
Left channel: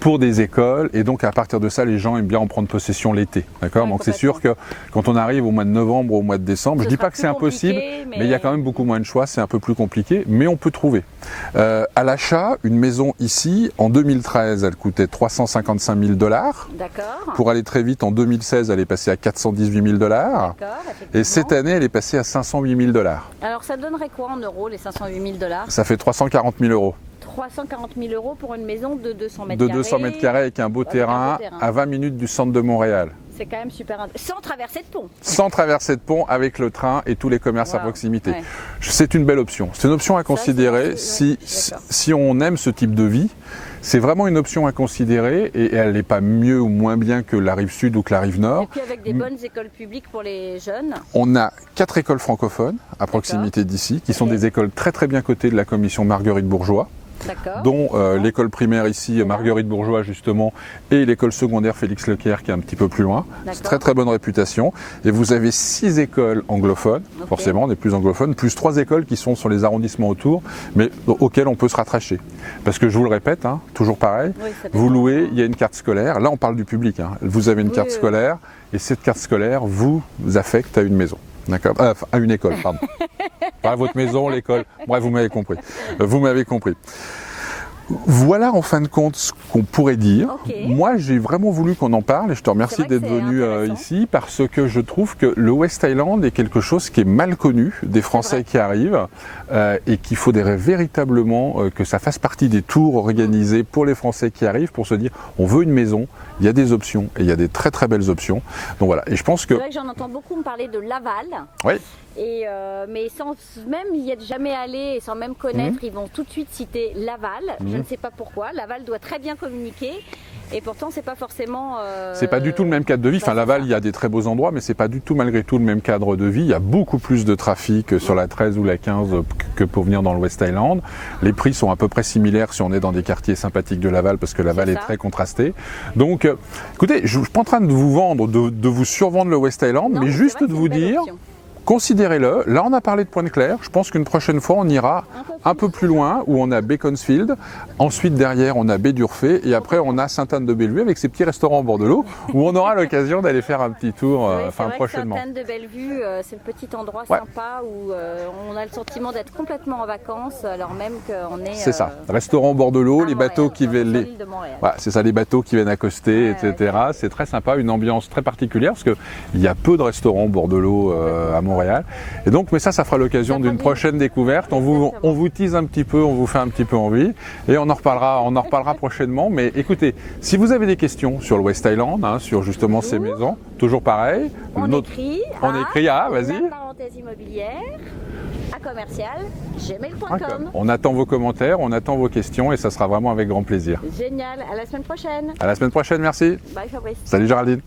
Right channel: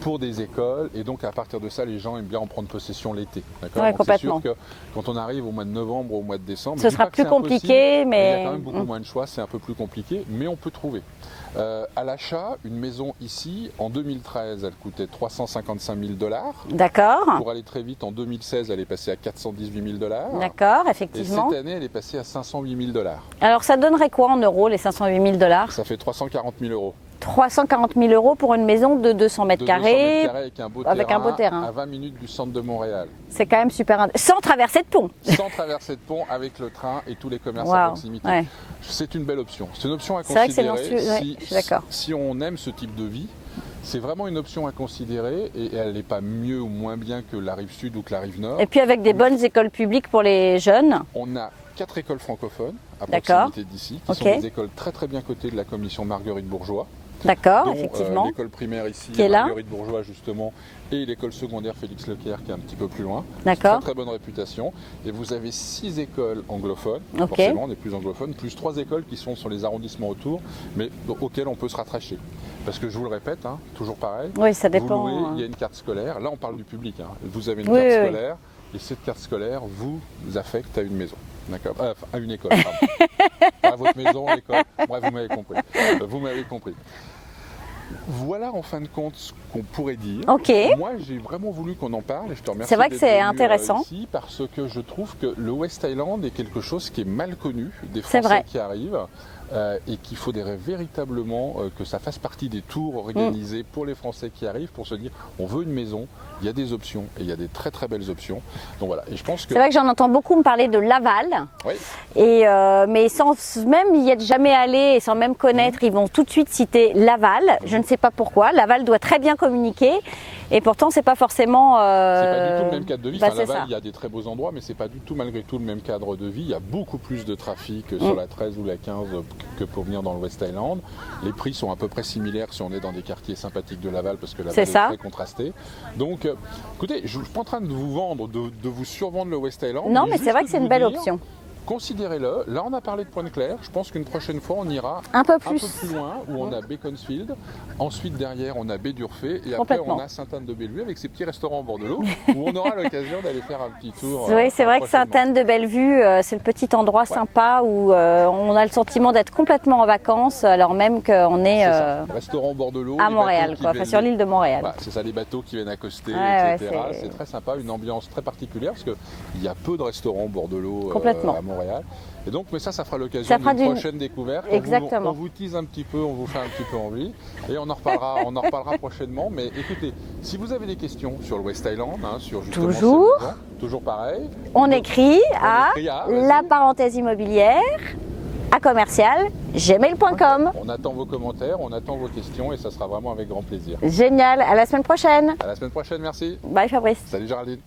pour des écoles, et donc à partir de ça, les gens aiment bien en prendre possession l'été. D'accord. Donc c'est sûr que quand on arrive au mois de novembre ou au mois de décembre, je ne dis pas que c'est impossible, mais il y a quand même beaucoup moins de choix, c'est un peu plus compliqué, mais on peut trouver. À l'achat, une maison ici, en 2013, elle coûtait 355 000 $. D'accord. Pour aller très vite, en 2016, elle est passée à 418 000 $. D'accord, effectivement. Et cette année, elle est passée à 508 000 $. Alors ça donnerait quoi en euros, les 508 000 $? Ça fait 340 000 €. 340 000 € pour une maison de 200 mètres carrés. De 200 mètres carrés avec un beau terrain à 20 minutes du centre de Montréal. C'est quand même super intéressant. Sans traverser de pont. Sans traverser de pont, avec le train et tous les commerces à proximité. C'est une belle option. C'est une option à considérer si on aime ce type de vie. C'est vraiment une option à considérer et elle n'est pas mieux ou moins bien que la rive sud ou que la rive nord. Et puis avec des bonnes écoles publiques pour les jeunes. On a 4 écoles francophones à proximité d'ici qui sont des écoles très très bien cotées de la commission Marguerite Bourgeois. Dont l'école primaire ici, Marguerite Bourgeois justement, et l'école secondaire Félix Leclerc qui est un petit peu plus loin. Très très bonne réputation. Et vous avez 6 écoles anglophones, forcément on est plus anglophones, plus 3 écoles qui sont sur les arrondissements autour, mais auxquelles on peut se rattacher. Parce que je vous le répète, toujours pareil, vous louez, il y a une carte scolaire, là on parle du public, vous avez une carte scolaire, et cette carte scolaire vous affecte à une maison. D'accord, à une école, pardon. Pas votre maison, l'école. Bref, vous m'avez compris. Vous m'avez compris. Voilà en fin de compte ce qu'on pourrait dire. Moi, j'ai vraiment voulu qu'on en parle et je te remercie d'être venu ici parce que je trouve que le West Island est quelque chose qui est mal connu des Français qui arrivent et qu'il faudrait véritablement que ça fasse partie des tours organisés pour les Français qui arrivent pour se dire on veut une maison. Il y a des options et il y a des très très belles options. Donc voilà, et je pense que... C'est vrai que j'en entends beaucoup me parler de Laval. Oui. Et mais sans même y être jamais allé et sans même connaître, ils vont tout de suite citer Laval. Je ne sais pas pourquoi. Laval doit très bien communiquer. Et pourtant, c'est pas forcément. C'est pas du tout le même cadre de vie. Enfin, Laval, il y a des très beaux endroits, mais c'est pas du tout, malgré tout, le même cadre de vie. Il y a beaucoup plus de trafic sur la 13 ou la 15 que pour venir dans le West Island. Les prix sont à peu près similaires si on est dans des quartiers sympathiques de Laval, parce que Laval est très contrasté. Donc, écoutez, je suis pas en train de vous vendre, de vous survendre le West Island, mais juste de vous dire. Considérez-le. Là, on a parlé de Pointe-Claire. Je pense qu'une prochaine fois, on ira un peu plus loin, où on a Beaconsfield. Ensuite, derrière, on a Baie d'Urfé. Et après, on a Sainte-Anne-de-Bellevue avec ses petits restaurants au bord de l'eau, où on aura l'occasion d'aller faire un petit tour. Oui, c'est vrai que Sainte-Anne-de-Bellevue, c'est le petit endroit sympa où on a le sentiment d'être complètement en vacances, alors même qu'on est. C'est ça. Restaurant au bord de l'eau, les bateaux qui viennent. Sur l'île de Montréal. Ouais, c'est ça, les bateaux qui viennent accoster, etc. C'est très sympa, une ambiance très particulière, parce qu'il y a peu de restaurants au bord de l'eau à Montréal. Et donc, mais ça fera l'occasion d'une prochaine découverte. On vous tease un petit peu, on vous fait un petit peu envie, et on en reparlera prochainement. Mais écoutez, si vous avez des questions sur le West Island, sur justement ces maisons, toujours pareil. On écrit à la parenthèse immobilière à commercial@gmail.com. On attend vos commentaires, on attend vos questions, et ça sera vraiment avec grand plaisir. Génial. À la semaine prochaine. À la semaine prochaine, merci. Bye Fabrice. Salut Géraldine.